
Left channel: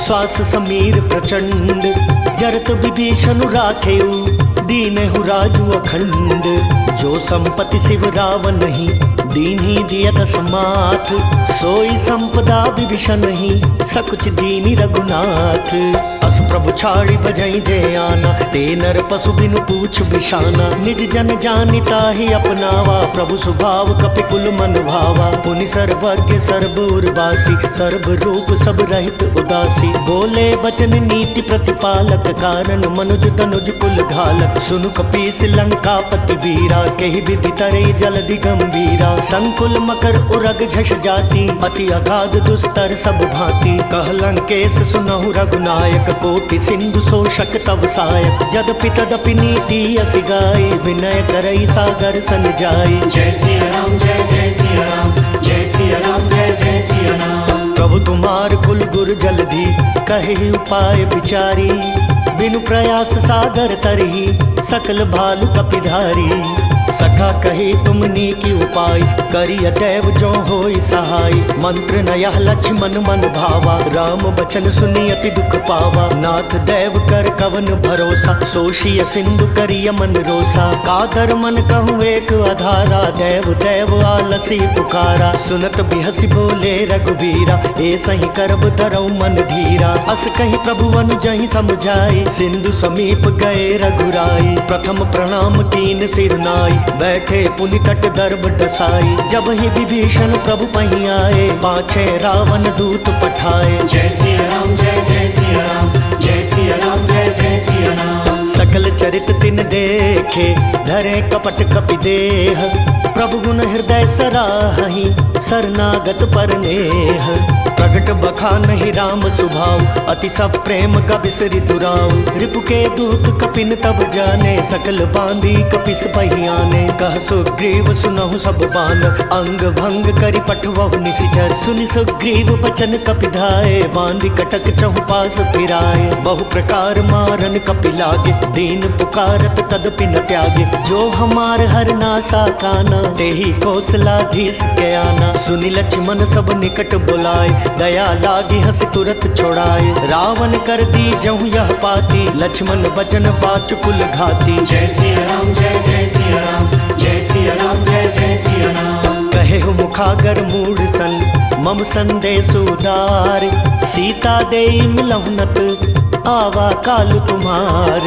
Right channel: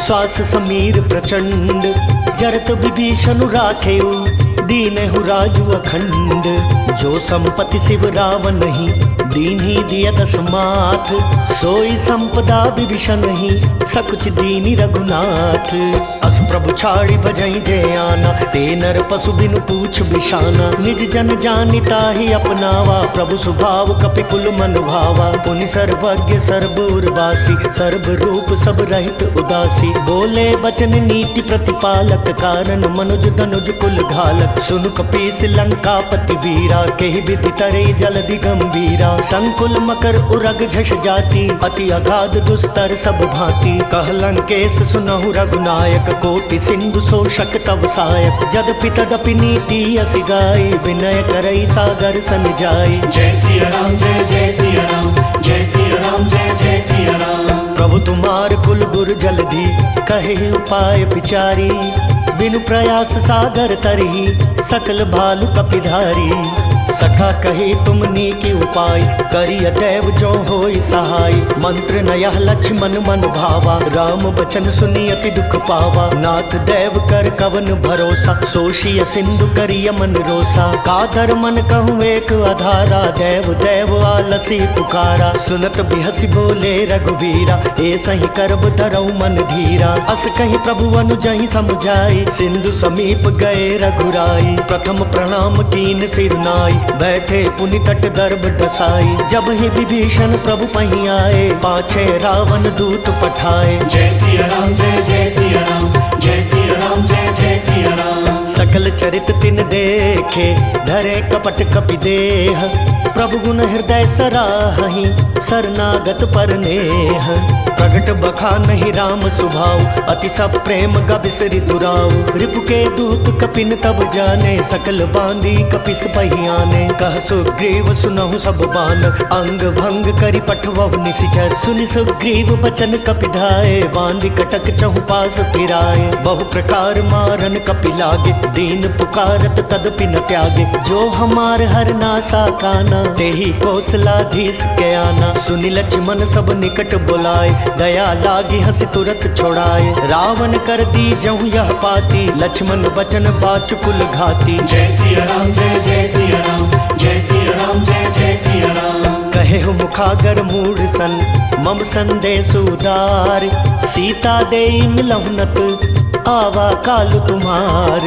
श्वास समीर प्रचंड। जरत विभीषण राखेउ, दीनहु राजु अखंड। जो संपत्ति शिव रावण नहीं, दीन्ही दियत समाथ। सोई संपदा विभीषण ही, सकुच दीनी रघुनाथ। अस प्रभु छाड़ी भजई जे आना, ते नर पशु बिनु पूछ बिशाना। निज जन जानिता ही अपनावा, प्रभु स्वभाव कपि कुल मन भावा। पुनि सर्वज्ञ सर्व उर्वासी, सर्व रूप सब रहित उदासी। बोले बचन नीति प्रतिपालक, कारण मनुज धनुज कुल घालक। सुनु कपीस लंकापति वीरा, केहि विधि तरई जलधि गंभीरा। संकुल मकर उरग झष जाति, अति अगाध दुस्तर सब भांति। कह लंकेश सुनहु रघुनायक, कोटि सिंधु शोषक तव सायक। जदपि तदपि नीति असि गाई, विनय करई सागर सन जाई। जय सिया राम जय जय सिया राम, जय सिया राम जय जय सिया राम। प्रभु तुम्हार कुल गुर जलधि, कहे उपाय विचारी। बिनु प्रयास सागर तरही, सकल भालु कपिधारी। सखा कही तुमनी की उपाय, करिय देव जो होई सहाय। मंत्र नयह लक्ष्मण मन भावा, राम बचन सुनी अति दुख पावा। नाथ देव कर कवन भरोसा, सोशिय सिंधु करिय मन रोसा। कादर मन कहूँ एक आधारा, देव देव आलसी पुकारा। सुनत बिहसी बोले रघुबीरा, ए सही करब धरऊ मन धीरा। अस कहीं प्रभु अनुजहि समुझाई, सिंधु समीप गए रघुराई। प्रथम प्रणाम कीन सिर नाई, बैठे पुनि तट दर्भ डसाई। जब ही विभीषण प्रभु पही आए, पाछे रावण दूत पठाए। जय सिया राम जय जय सिया राम, जय सिया राम जय जय सिया राम। सकल चरित तिन देखे, धरे कपट कपि देह। प्रभु गुण हृदय सराहि, शरणागत पर नेह। प्रगट बखान ही राम सुभाव, अति सब प्रेम गबिसरि दुराव। रिपु के दूत कपिन तब जाने, सकल बांधी कपिस पहियाने। कह सुग्रीव सुनहु सब बान, अंग भंग करि पठवहु निशिचर। सुनि सुग्रीव बचन कपि धाये, बांधी कटक चहु पास फिराए। बहु प्रकार मारन कपि लागे, दीन पुकारत तदपि न त्यागे। जो हमार हर नासा काना, तेहि कौशलाधीश के आना। सुनि लक्ष्मण सब निकट बुलाए, दया लागी हंस तुरत छोड़ाए। रावण कर दी जहु यह पाती, लक्ष्मण बचन बाचु कुल घाती। जय सिया राम जय जय सिया राम, जय सिया राम जय जय सिया राम। कहे हो मुखागर मूढ़ सन, मम संदेश उदार। सीता देई मिलहुनत, आवा काल तुम्हार।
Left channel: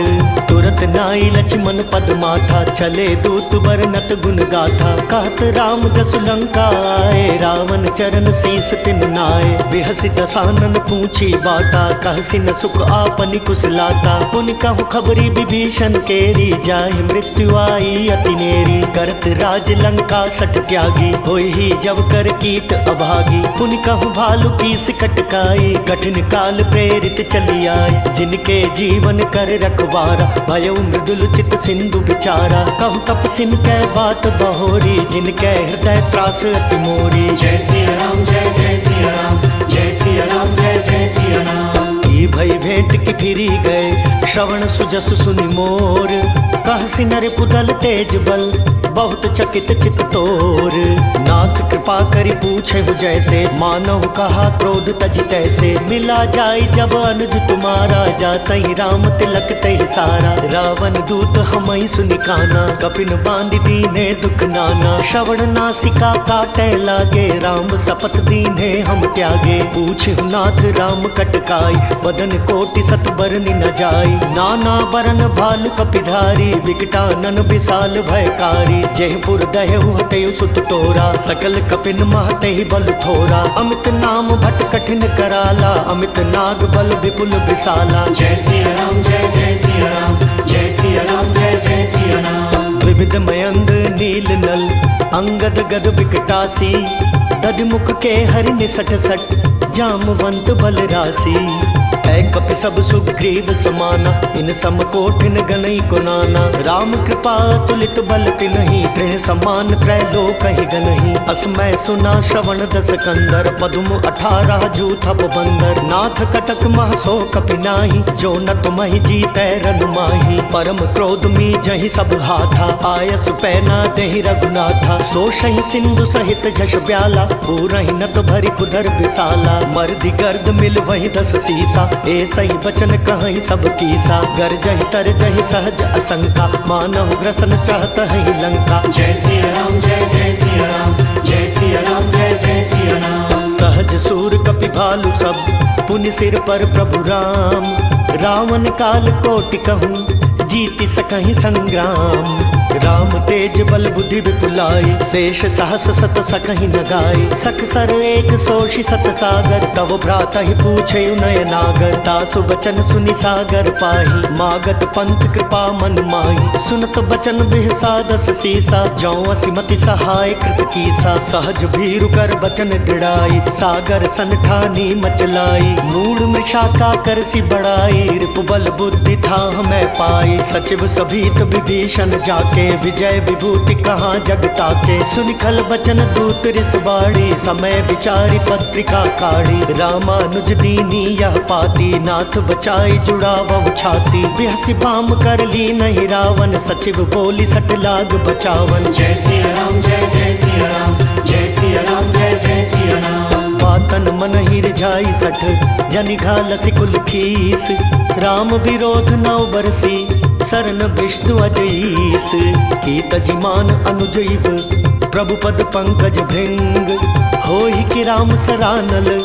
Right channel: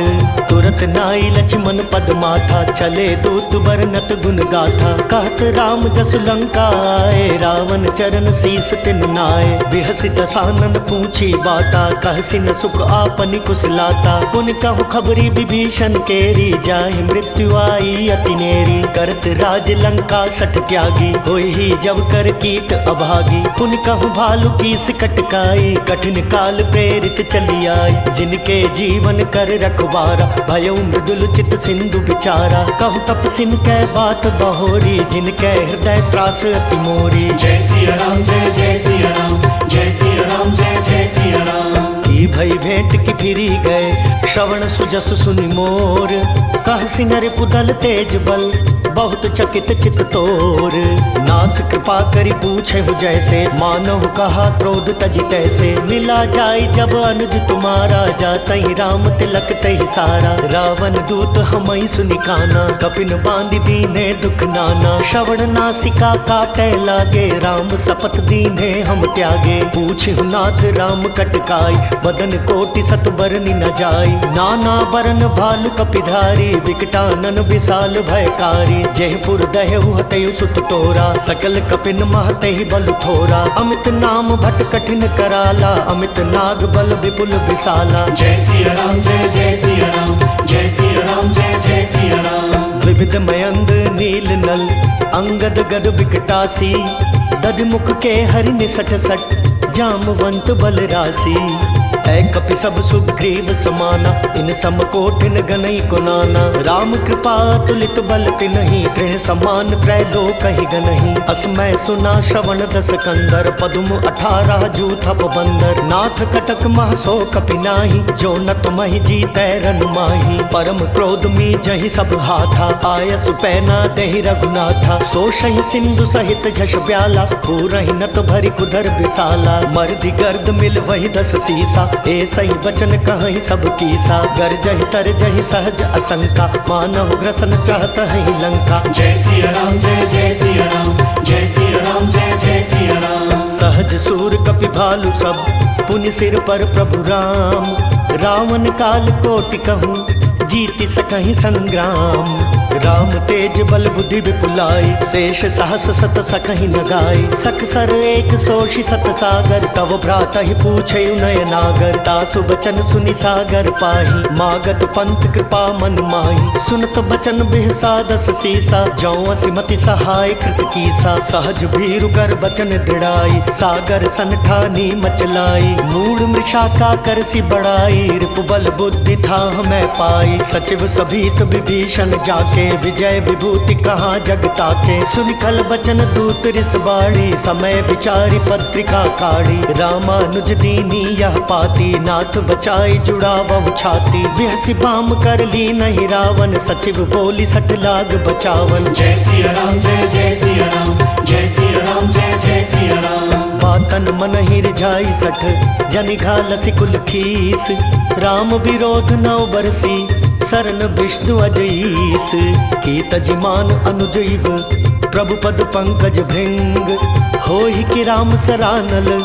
तुरत नाई लक्ष्मण पद माथा, चले दूत बरनत गुण गाथा। कहत राम जसु लंका आए, रावण चरण शीस तिन नाय। बिहसि दसानन पूछी बाता, कहसि न सुख आपनि कुशलाता। पुन कहु खबरी विभीषण केरी, जाहि मृत्यु आई अति नेरी। करत राज लंका सठ त्यागी, होई ही जब कर कीट अभागी। पुन कहु भालु कीस कटकाई, कठिन काल प्रेरित चली आई। जिनके जीवन कर रखवारा, भयउ मृदुल चित सिंधु बिचारा। कहु तपसिन कै बात बहोरी, जिनके हृदय त्रास अति मोरी। जय सिया राम जय जय सिया राम, जय सिया राम जय जय सिया राम। ई भई भेंट की फिरी गए, श्रवण सुजस सुनि मोर। कहसि नर पुदल तेज बल, बहुत चकित चित तोर। नाथ कृपा करि पूछे हूँ जैसे, मानहु कहा क्रोध तजि तैसे। मिला जाय जब अनुज तुम्हारा, जातहि राम तिलक तहि सारा। रावण दूत हमहि सुनि काना, कपिन बांधि दीने दुख नाना। श्रवण नासिका काटे लागे, राम शपथ दीने हम त्यागे। पूछहु नाथ राम कटकाई, बदन कोटि सत बरनि न जाई। नाना बरन भालु कपिधारी, विकटानन विशाल भयकारी। जयपुर दहु हतयु सुत तोरा, सकल कपिन महतहि बल थोरा। अमित नाम भट कठिन कराला, अमित नाग बल विपुल विशाला। जय सिया राम जय जय सिया राम, जय सिया राम जय जय सिया राम। द्विविध मयंद नील नल, अंगद गद विकटासी। दधिमुख के हरि निसठ सठ, जामवंत बल राशि। ऐ कपि सब सुग्रीव समाना, इन सम कोठिन गनई को नाना। राम कृपा तुलित बल तिनहि, तृण समान त्रैलोकहि गनहि। असमय सुना श्रवण दस कंदर, पदुम 18 जूथप बंदर। नाथ कटक मह सो कपि नाही, जो न तुमहि जीतै रनु माही। परम क्रोध मी जहि सब हाथा, आयसु पैना देहि रघुनाथा। सोषहि सिंधु सहित झष ब्याला, पूरहि नत भरि कुधर विशाला। मर्दि गर्द मिल वही 10 सीसा, ऐसहि बचन कहहि सब कीसा। गरजहि तरजहि सहज असंका, मानहु ग्रसन चाहत हहि लंका। जय सिया राम जय जय सिया राम, जय सिया राम जय जय सिया राम। सहज सूर कपि भालु सब, पुनि सिर पर प्रभु राम। रावण काल कोटि कहूँ, जीति सकहि संग्राम। राम तेज बल बुद्धि विपुलाई, शेष सहस सत सकहि न गाई। सख सर एक सोषि सत सागर, तव भ्राता ही पूछे नय नागर। तासु बचन सुनि सागर पाही, मागत पंथ कृपा मन माही। सुनत बचन बिहसा 10 सीसा, जौ असिमति सहाय कृत कीसा। सहज भीरु कर बचन दृढ़ाई, सागर सन ठानी मचलाई। मूढ़ मृषा का करसी बढ़ाई, रिपु बल बुद्धि था हमें पाई। सचिव सभीत विभीषण जाके, विजय विभूति कहाँ जग ताके। सुनिखल बचन दूत रिस बाड़ी, समय विचारी पत्रिका काढ़ी। रामानुज दीनी यह पाती, नाथ बचाई जुड़ावहु छाती। बिहसि बाम कर ली नहीं रावण, सचिव बोली सठ लाग बचावन। जय सिया राम जय जय सिया राम, जय सिया राम जय जय सिया राम। बातन मन ही रिझाई सठ, जनि घालसि कुल खीस। राम विरोध नौ बरसी, सरन विष्णु अजईस। की तजिमान अनुजैव, प्रभु पद पंकज भृंग। होहि कि राम सरानल,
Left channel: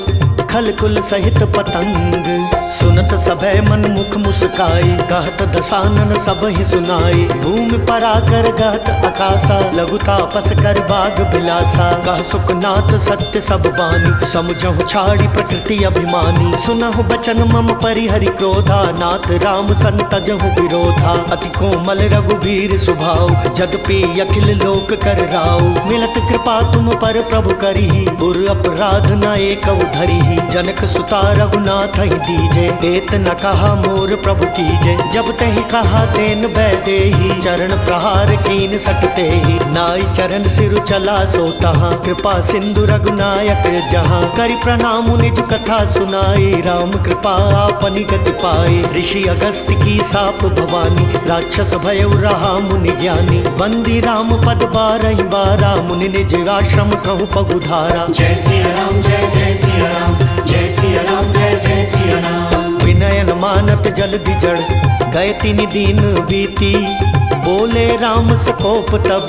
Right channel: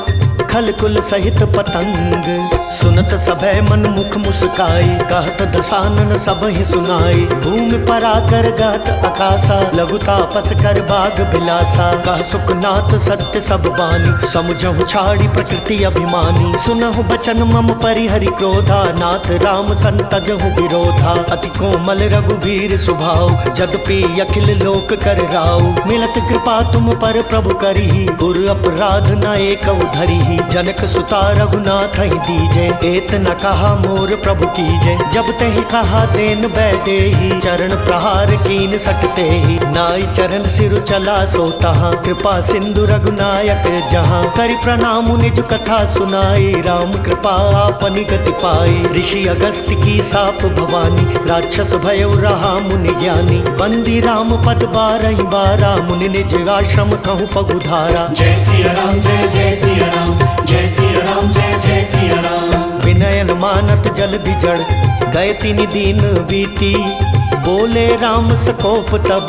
खल कुल सहित पतंग। सुनत सभय मन मुख मुस्काई, कहत दसानन सब ही सुनाई। भूमि पराकर गहत आकाशा, लघु तापस कर बाग बिलासा। कह सुखनाथ सत्य सब बानी, समुझहु छाड़ी प्रकृति अभिमानी। सुनहु बचन मम परिहरि क्रोधा, नाथ राम संतजहु विरोधा। अति कोमल रघुवीर सुभाव, जदपि अखिल लोक कर राव। मिलत कृपा तुम पर प्रभु करिहि, उर अपराध न एक धरिहि। जनक सुता रघुनाथ ही दीजे, एत न कहा मोर प्रभु कीजे। जब तहि कहा देन बैदेही, चरण प्रहार कीन सटते ही। नाई चरण सिरु चला सो तहाँ, कृपा सिंधु रघुनायक जहाँ। करि प्रणाम निज कथा सुनाई, राम कृपा आपनि गति पाई। ऋषि अगस्त्य की साप भवानी, राक्षस भयउ रहा मुनि ज्ञानी। बंदी राम पद 12 बारा, मुनि निज आश्रम कहूँ पगुधारा। जय सिया राम जय जय सिया राम, जय सिया राम जय जय सिया राम। विनयन मानत जल्दि जड़, गए 3 दिन बीती। बोले राम सकोप तब,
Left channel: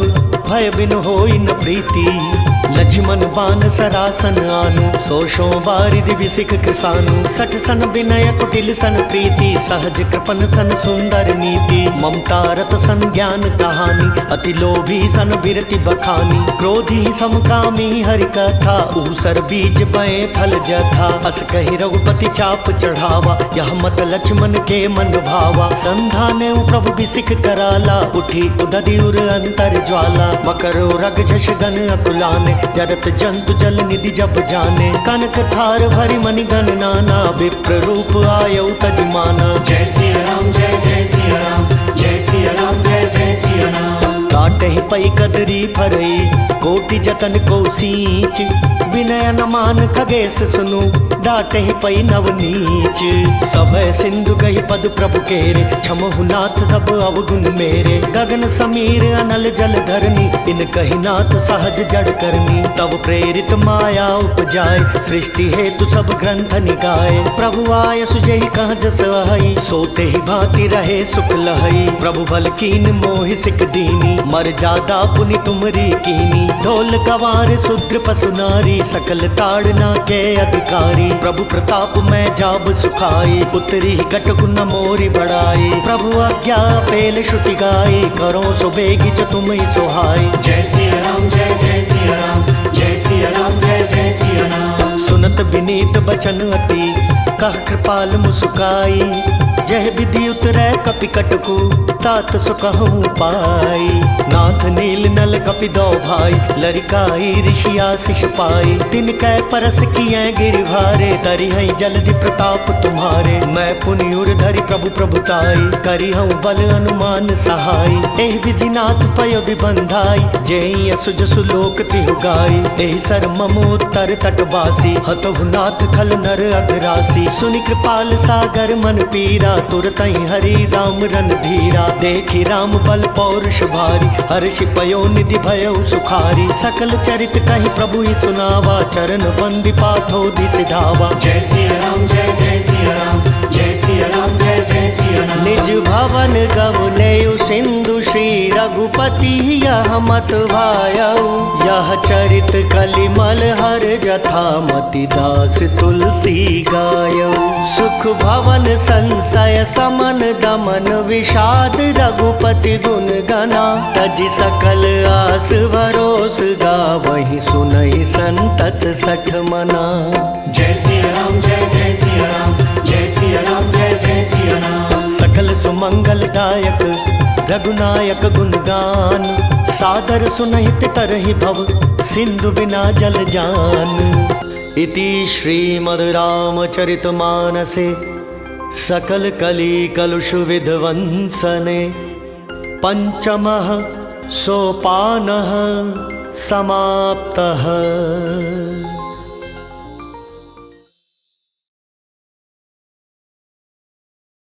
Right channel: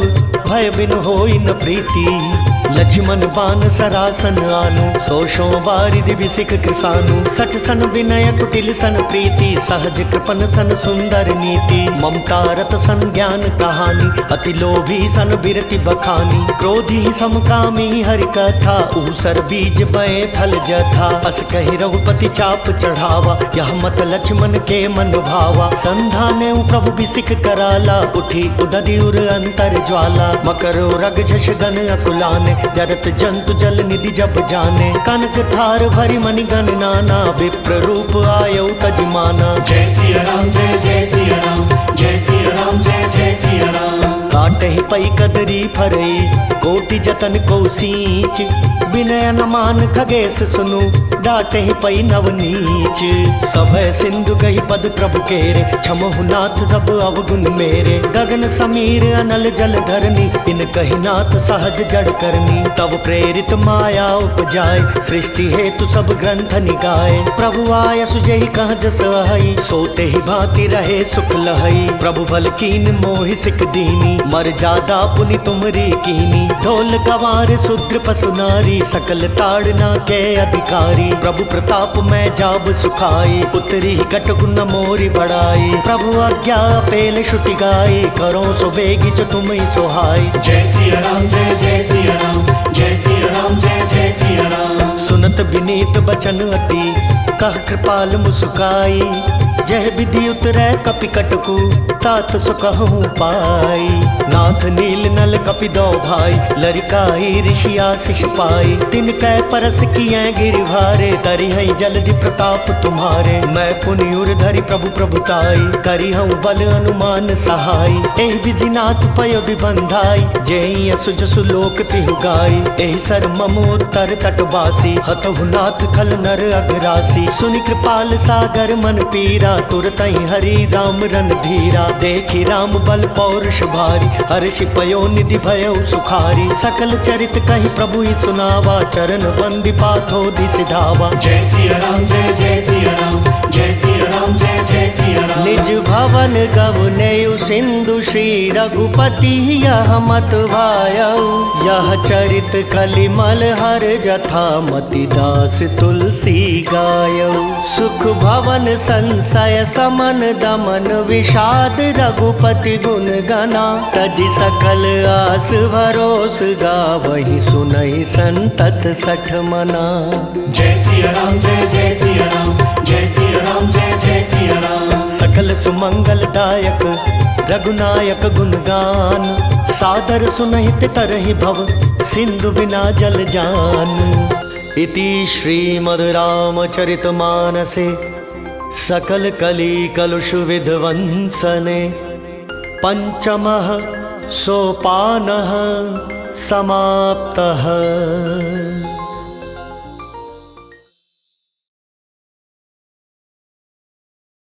भय बिन होई न प्रीति। लक्ष्मण बान सरासन आनु, सोशो बारिधि बिसिक कृसानु। सठ सन विनय कुटिल सन प्रीति, सहज कृपन सन सुंदर नीति। ममता रत सन ज्ञान कहानी, अति लोभी सन बिरति बखानी। क्रोधी समकामी हरि कथा, ऊसर बीज बए फल जथा। अस कहि रघुपति चाप चढ़ावा, यह मत लक्ष्मण के मन भावा। संधाने प्रभु बिसिक कराला, उठी उदधि उर अंतर ज्वाला। मकरो रग झष गन अकुलाने, जरत जंतु जल निधि जब जाने। कनक थार भरि मणि गण नाना, विप्र रूप आयौ तजमाना। जय सिया राम जय जय सिया राम, जय सिया राम जय जय सिया राम। काटहि पै कदरी फरई, कोटि जतन को सींच। विनय न मान खगेश सुनु, डाटहि पै नवनीच। सभय सिंधु कहि पद प्रभु केरे, क्षमहु नाथ सब अवगुण मेरे। गगन समीर अनल जल धरनी, इन कहि नाथ सहज जड़ करनी। तब प्रेरित माया उपजाय, सृष्टि हेतु सब ग्रंथ निगाए। प्रभु आय सुजहि कह जस अहै, सोते ही भांति रहे सुख लहै। प्रभु भल कीन मोहि सिक दीनी, मर्यादा पुनि तुमरी कीनी। ढोल गवार शूद्र पशु नारी, सकल ताड़ना के अधिकारी। प्रभु प्रताप में जाब सुखाई, उतरी कटकु न मोरी बढ़ाई। प्रभु आज्ञा पेल श्रुति गाई, करो सो बेगी जो तुम ही सोहाई। जय सिया राम जय जय सिया राम, जय सिया राम जय जय सिया राम। सुनत विनीत बचन अति, कह कृपाल मुस्काई। जय विधि उतरै कपि कटकु, तात सो कहूँ पाई। नाथ नील नल कपि दो भाई, लरिकाई ऋषि आशीष पाई। तिन कै परस किए गिरिभारे, तरिहै जलधि प्रताप तुम्हारे। मैं पुनि उर धरि प्रभु प्रभुताई, करिहूँ बल अनुमान सहाय। एहि विधि नाथ पयो बंधाई, जेहि असुज सुलोक तिहु गाई। एहि सर मम उत्तर तटवासी, हतहु नाथ खल नर अघरासी। सुनि कृपाल सागर मन पीरा, तुरतहि हरि राम रन धीरा। देखि राम बल पौरुष भारी, हर्षि पयो निधि भयो सुखारी। सकल चरित कहि प्रभु ही सुनावा, चरण बंदि पाथो दिसि धावा। जय सिया राम जय जय सिया राम, जय सिया राम जय जय सिया राम। निज भवन गवनेयु सिंधु, श्री रघुपति यह मत भायऊ। यह चरित कलिमल हर जथा, मति दास तुलसी गायऊ। सुख भवन संशय समन दमन, विषाद रघुपति गुण गना। तज सकल आस भरोस, गावहि सुनहि संतत सठ मना। जय सिया राम जय जय सिया राम, जय सिया राम जय जय सिया राम। सकल सुमंगल दायक रघुनायक गुणगान। सादर सुनहित तरहि भव, सिंधु बिना जल जान। इति श्रीमद् रामचरितमानसे, सकल कली कलुष विध्वंसने। पंचमः सोपानः समाप्तः।